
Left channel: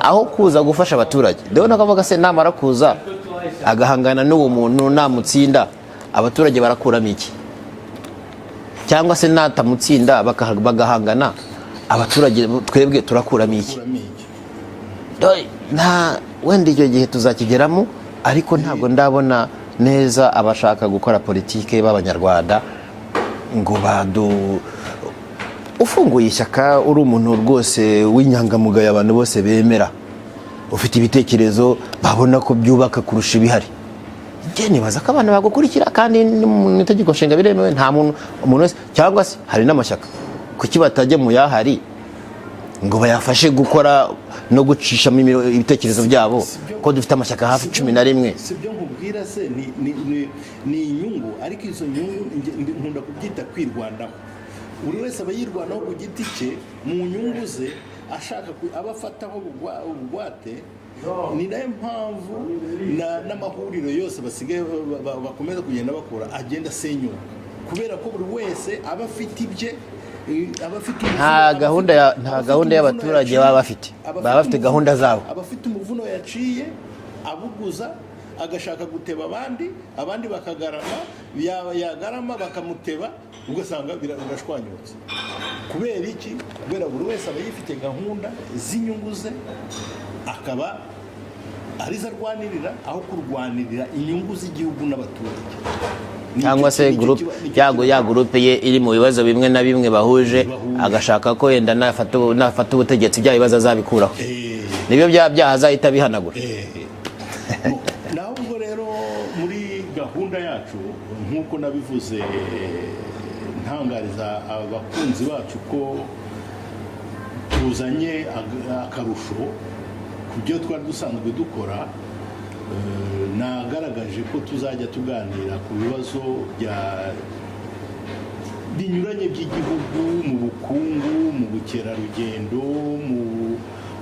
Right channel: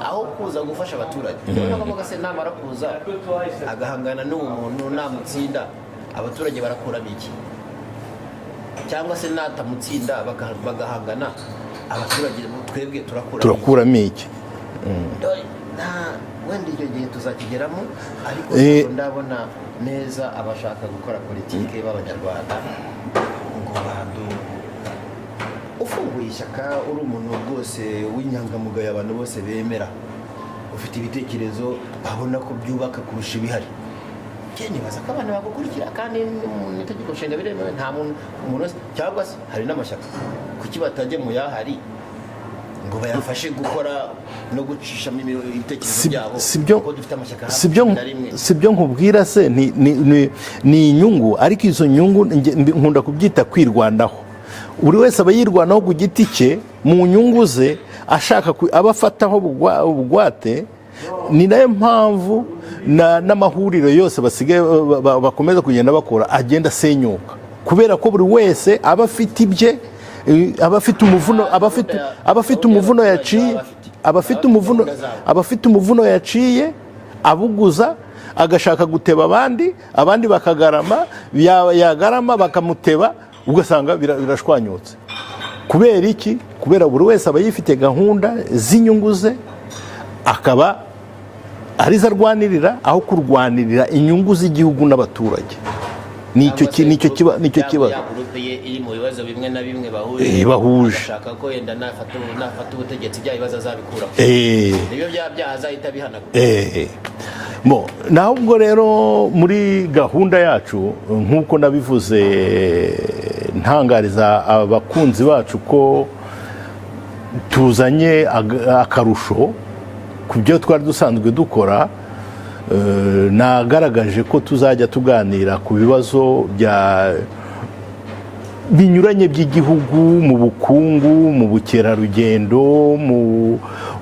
aho kuza gufasha abaturage ndabona kavuga se namara kuza agahangana n'uwo muntu namutsinda abaturage barakuramo iki cyangwa se natamutsinda bagahangana abaturage twebwe turakuramo iki nta wenda icyo gihe tuzakigeramo ariko ntabwo ndabona neza abashaka gukora politike b'abanyarwanda ngo ufunguye ishyaka uri umuntu rwose w'inyangamugayo abantu bose bemera ufite ibitekerezo babona ko byubaka kurusha ibihari njye nibaza ko abantu bagukurikira kandi mu itegeko nshinga biremewe nta umuntu wese cyangwa se hari n'amashyaka kuki batajya mu yahari ngo bayafashe gukora no gucishamo ibitekerezo byabo ko dufite amashyaka hafi 11 sibyo nkubwira se ni inyungu ariko izo nyungu nkunda kubyita kwirwanaho buri wese aba yirwanaho ku giti cye mu nyungu ze ashaka abafataho ubugwate ni nayo mpamvu n'amahuriro yose basigaye bakomeza kugenda bakora agenda asenyuka kubera ko buri wese aba afite ibye abafite umuvuno yaciye abuguza agashaka guteba abandi bakagarama yagarama bakamuteba ugasanga birashwanyutse kubera iki kubera buri wese aba yifite gahunda z'inyungu ze akaba arizo arwanirira aho kurwanirira inyungu z'igihugu n'abaturage ya gurupe ye iri mu bibazo bimwe na bimwe bahuje agashaka ko yenda nafata ubutegetsi bya bibazo azabikuraho nibyo byaha azahita bihanagura naho ubwo rero muri gahunda yacu nk'uko nabivuze ntangariza abakunzi bacu ko tuzanye akarusho ku byo twari dusanzwe dukora nagaragaje ko tuzajya tuganira ku bibazo binyuranye by'igihugu mu bukungu mu bukerarugendo mu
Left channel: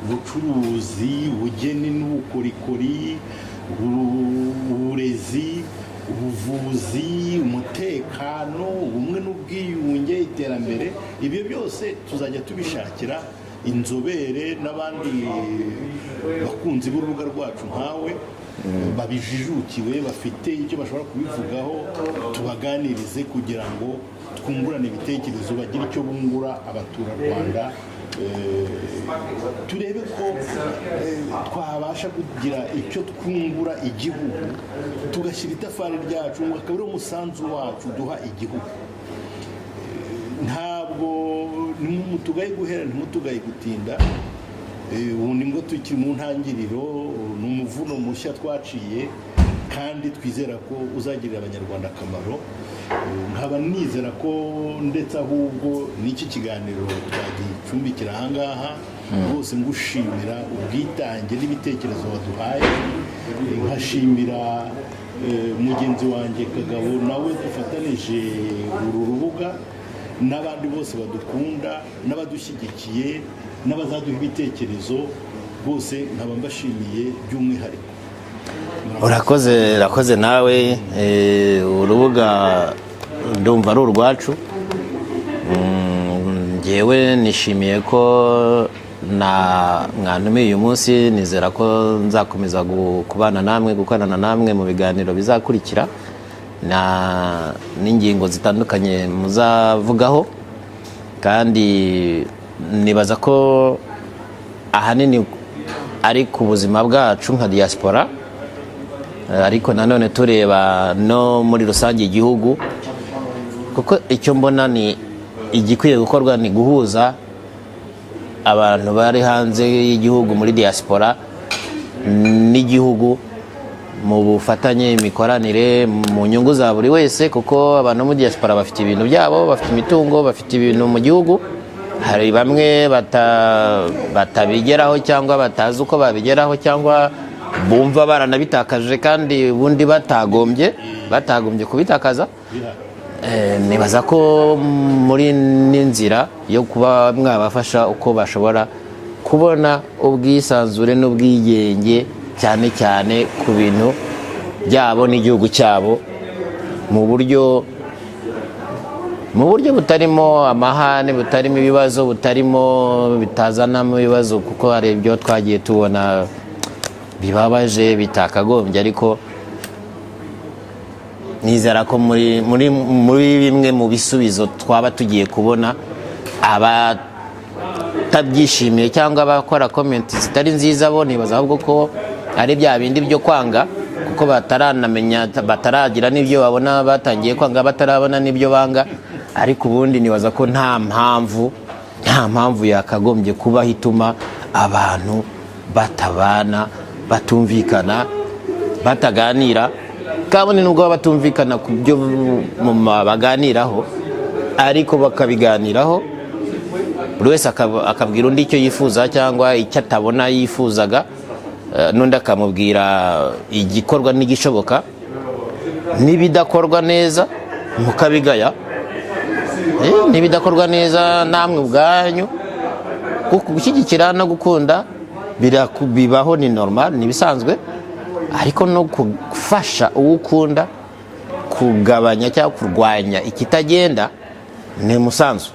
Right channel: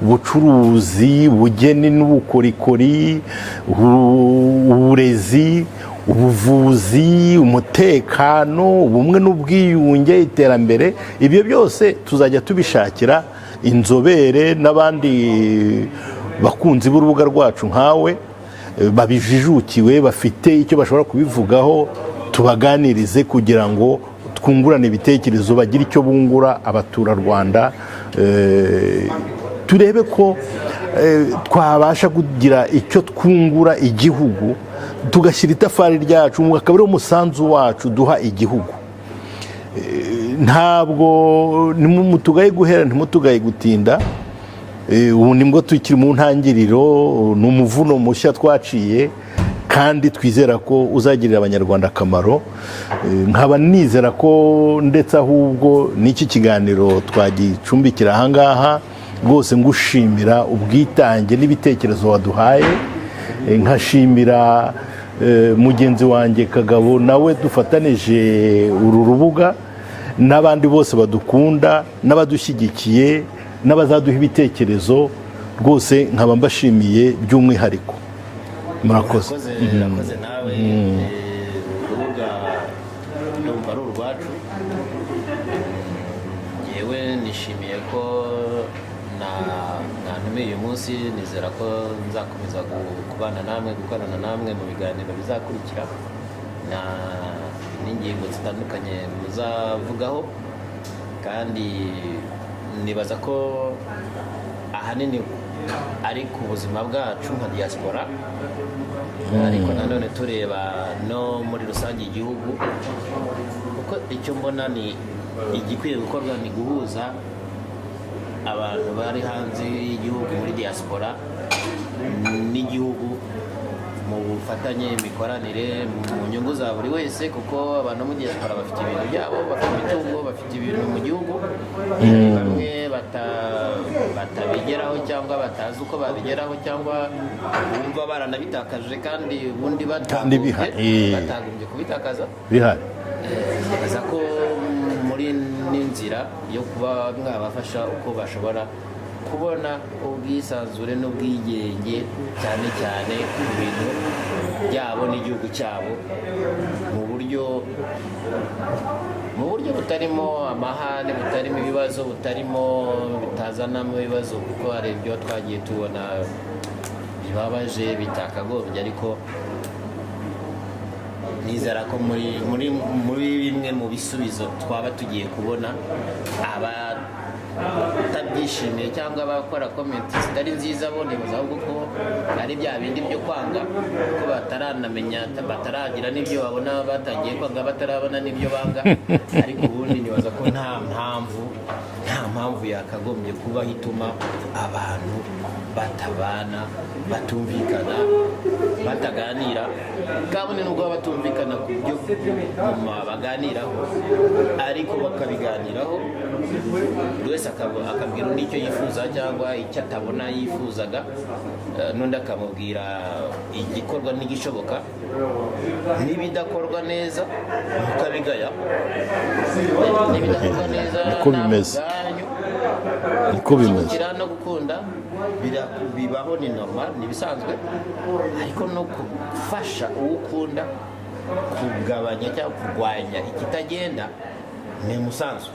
bucuruzi ubugeni n'ubukorikori uburezi ubuvuzi umutekano ubumwe n'ubwiyunge iterambere ibyo byose tuzajya tubishakira inzobere n'abandi bakunzi b'urubuga rwacu nkawe babijijukiwe bafite icyo bashobora kubivugaho tubaganirize kugira ngo twungurane ibitekerezo bagire icyo bungura abaturarwanda turebe ko twabasha kugira icyo twungura igihugu tugashyira itafari ryacu akaba ari umusanzu wacu duha igihugu ntabwo mutugaye guhera ntimutugaye gutinda ubu nibwo tukiri mu ntangiriro ni umuvuno mushya twaciye kandi twizera ko uzagirira abanyarwanda akamaro nkaba nizera ko ndetse ahubwo n'iki kiganiro twagicumbikira ahangaha rwose ngushimira ubwitange n'ibitekerezo waduhaye nkashimira mugenzi wanjye Kagabo nawe dufatanije uru rubuga n'abandi bose badukunda n'abadushyigikiye n'abazaduha ibitekerezo rwose nkaba mbashimiye by'umwihariko urakoze nawe urubuga ndumva ari urwacu ngewe nishimiye ko mwantumiye uyu munsi nizera ko nzakomeza kubana namwe gukorana namwe mu biganiro bizakurikira n'ingingo zitandukanye muzavugaho kandi nibaza ko ahanini ari ku buzima bwacu nka diaspora ariko nanone tureba no muri rusange igihugu kuko icyo mbona ni igikwiye gukorwa ni guhuza abantu bari hanze y'igihugu muri diaspora n'igihugu mu bufatanye imikoranire mu nyungu za buri wese kuko abantu muri diaspora bafite ibintu byabo bafite imitungo bafite ibintu mu gihugu hari bamwe batabigeraho cyangwa batazi uko babigeraho cyangwa bumva baranabitakaje kandi ubundi batagombye kubitakaza nibaza ko muri n'inzira yo kuba mwabafasha uko bashobora kubona ubwisanzure n'ubwigenge cyane cyane ku bintu byabo n'igihugu cyabo mu buryo butarimo amahane, butarimo ibibazo, bitazanamo ibibazo, kuko hari ibyo twagiye tubona bibabaje bitakagombye, ariko nizera ko muri bimwe mu bisubizo twaba tugiye kubona abatabyishimiye cyangwa abakora komenti zitari nziza, bo nibaza ahubwo ko ari bya bindi byo kwanga, kuko bataranamenya, bataragira n'ibyo babona, batangiye kwanga batarabona n'ibyo banga. Ariko ubundi nibaza ko nta mpamvu yakagombye kuba hituma abantu batabana, batumvikana, bataganira. Kabone nubwo batumvikana ku byo baganiraho, ariko bakabiganiraho, buri wese akabwira undi icyo yifuza cyangwa icyo atabona yifuzaga, n'undi akamubwira igikorwa n'igishoboka, n'ibidakorwa neza mukabigaya, n'ibidakorwa neza namwe ubwanyu. Gushyigikira no gukunda bibaho, ni normal, ni bisanzwe, ariko no gufasha uwo ukunda kugabanya cyangwa kurwanya ikitagenda ni umusanzu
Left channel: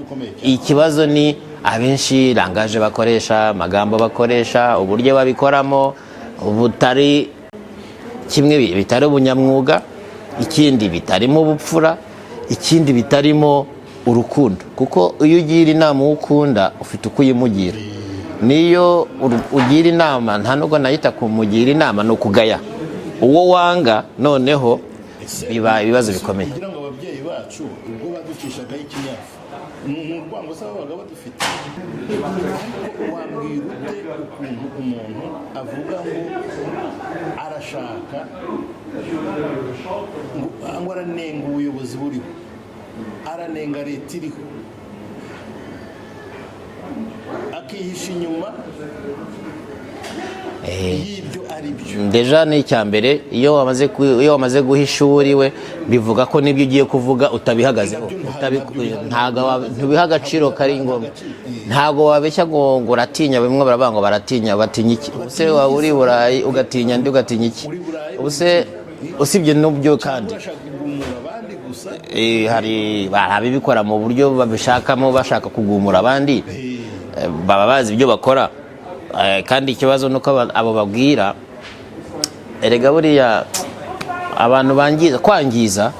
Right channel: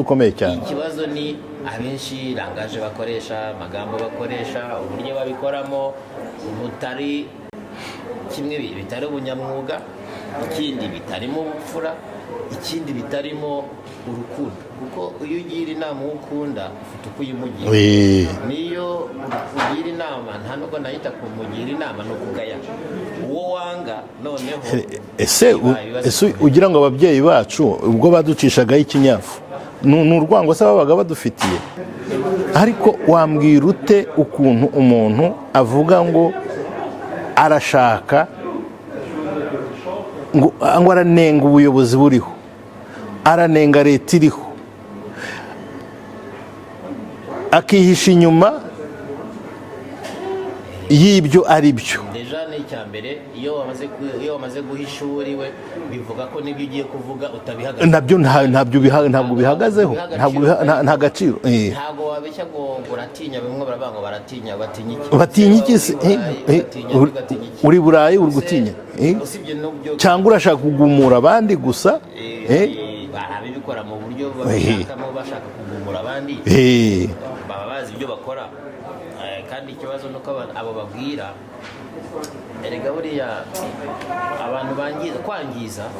ukomeye cyane. Ikibazo ni abenshi langaje bakoresha, amagambo bakoresha, uburyo babikoramo butari kimwe, bitari ubunyamwuga, ikindi bitarimo ubupfura, ikindi bitarimo urukundo. Kuko iyo ugira inama uwo ukunda ufite uko uyimugira, niyo ugira inama nta nubwo nahita kumugira inama, ni ukugaya uwo wanga. Noneho ibibazo bikomeye. Ugira ngo ababyeyi bacu ubwo baducishagaho ikinyafu ni urwango se babaga badufitiye? Ariko wambwira ute ukuntu umuntu avuga ngo arashaka ngo aranenga ubuyobozi buriho, aranenga leta iriho, akihisha inyuma y'ibyo ari byo? Deja ni icya mbere, iyo wamaze guhisha uriwe, bivuga ko n'ibyo ugiye kuvuga utabihagazeho. Nabyo ntabyo bihagazeho, nta gaciro. Ntabwo wabeshya ngo uratinya. Bimwe baravuga ngo baratinya iki? Uri Burayi ugatinya, ndi ugatinya iki? Uri Burayi ugutinya, usibye n'ubyo cyangwa urashaka kugumura abandi gusa. Hari ababikora mu buryo babishakamo, bashaka kugumura abandi, baba bazi ibyo bakora. Kandi ikibazo nuko abo babwira, erega buriya abantu kwangiza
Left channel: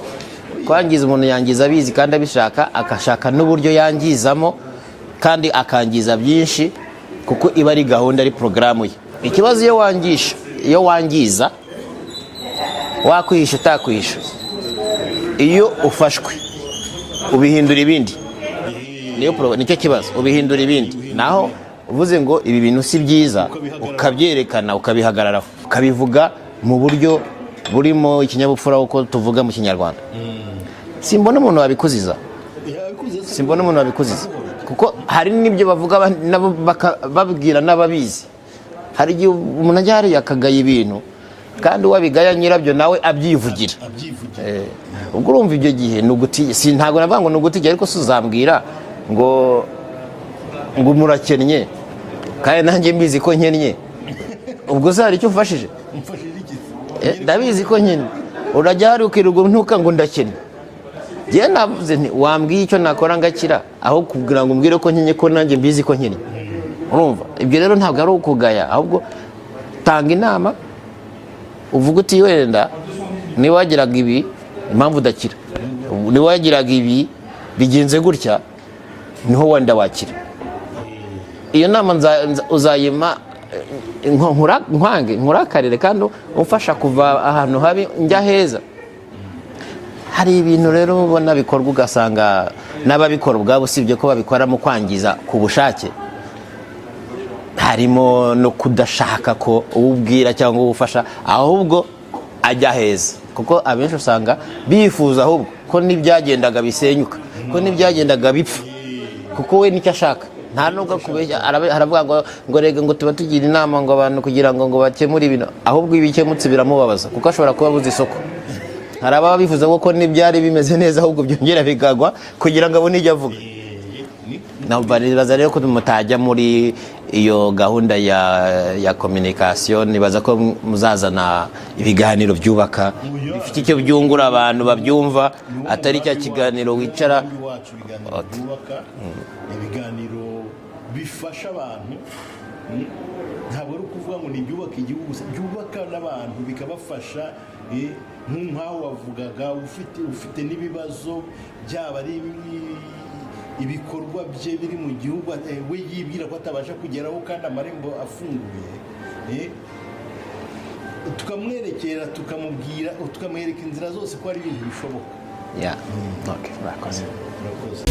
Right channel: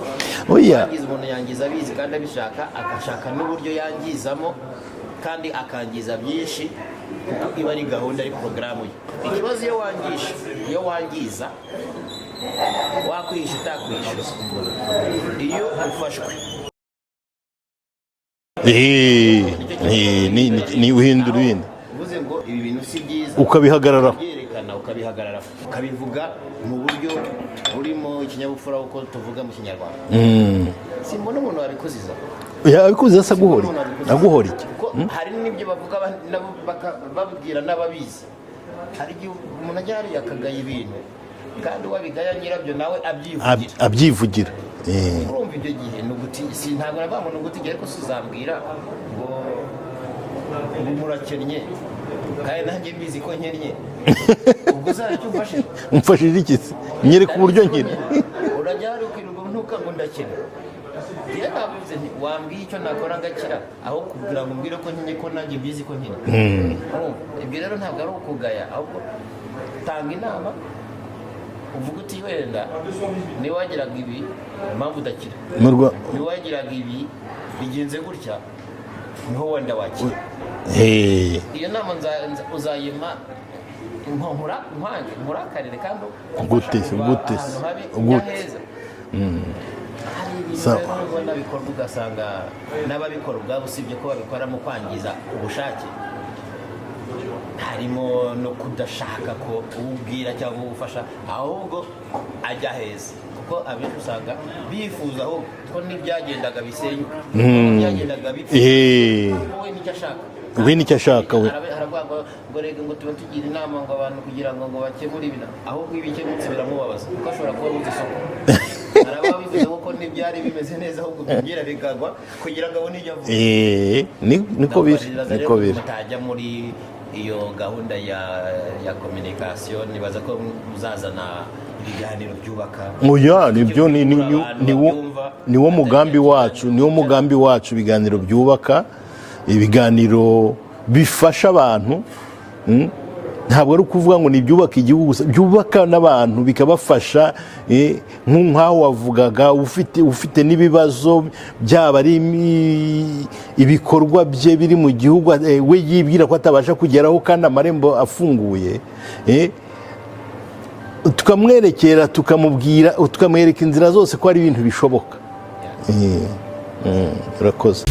umuntu yangiza abizi kandi abishaka, akashaka n'uburyo yangizamo, kandi akangiza byinshi, kuko iba ari gahunda, ari porogaramu ye. Ikibazo iyo wangiza, wakwihisha utakwihisha, iyo ufashwe ubihindura ibindi. Nicyo kibazo, ubihindura ibindi. Naho uvuze ngo ibi bintu si byiza, ukabyerekana, ukabihagarara, ukabivuga mu buryo burimo ikinyabupfura, uko tuvuga mu Kinyarwanda. Simbona umuntu wabikuziza. Simbona umuntu wabikuziza, kuko hari n'ibyo bavuga nabo babwira n'ababizi. Hari igihe umuntu ajya hariya akagaya ibintu, kandi wabigaya nyirabyo nawe abyivugira. Ubwo urumva ibyo gihe ntabwo navuga ngo nugutiye, ariko suzambwira ngo murakennye kandi nanjye mbizi ko nkennye. Ubwo se hari icyo umfashije? Umfashije iki? Ndabizi ko nkennye, urajya hari ukirirwa ntuka ngo ndakennye. Njye navuze nti wambwiye icyo nakora ngakira, aho kugira ngo umbwire ko nkennye, ko nanjye mbizi ko nkennye. Urumva ibyo rero ntabwo ari ukugaya, ahubwo tanga inama, uvuga uti wenda niwagiraga ibi impamvu udakira, niwagiraga ibi bigenze gutya niho wenda wakira. Iyo nama uzayima nkurakarire kandi umfasha kuva ahantu habi njya heza. Hari ibintu rero ubona bikorwa ugasanga n'ababikora ubwabo usibye ko babikora mu kwangiza ku bushake, harimo no kudashaka ko uwubwira cyangwa uwufasha ahubwo ajya heza, kuko abenshi usanga bifuza ahubwo ko n'ibyagendaga bisenyuka, ko n'ibyagendaga bipfa, kuko we nicyo ashaka. Haravuga ngo rege ngo tuba tugira inama ngo abantu kugira ngo bakemure ibintu, ahubwo ibikemutse biramubabaza, kuko ashobora kuba abuze isoko. hari ababa bifuza ko n'ibyari bimeze neza ahubwo byongera bikagwa kugira ngo abone ijya avuga. Nibaza rero ko mutajya muri iyo gahunda ya communication, nibaza ko muzazana ibiganiro byubaka icyo byungura abantu babyumva. Niwo mugambi wacu, ibiganiro byubaka, ibiganiro bifasha abantu. Ntabwo ari ukuvuga ngo ni ibyubaka igihugu gusa, byubaka n'abantu bikabafasha. Nk'aho wavugaga ufite n'ibibazo, byaba ari ibikorwa bye biri mu gihugu we yibwira ko atabasha kugeraho kandi amarembo afunguye, tukamwerekera tukamwereka inzira zose ko ari ibintu bishoboka. Urakoze.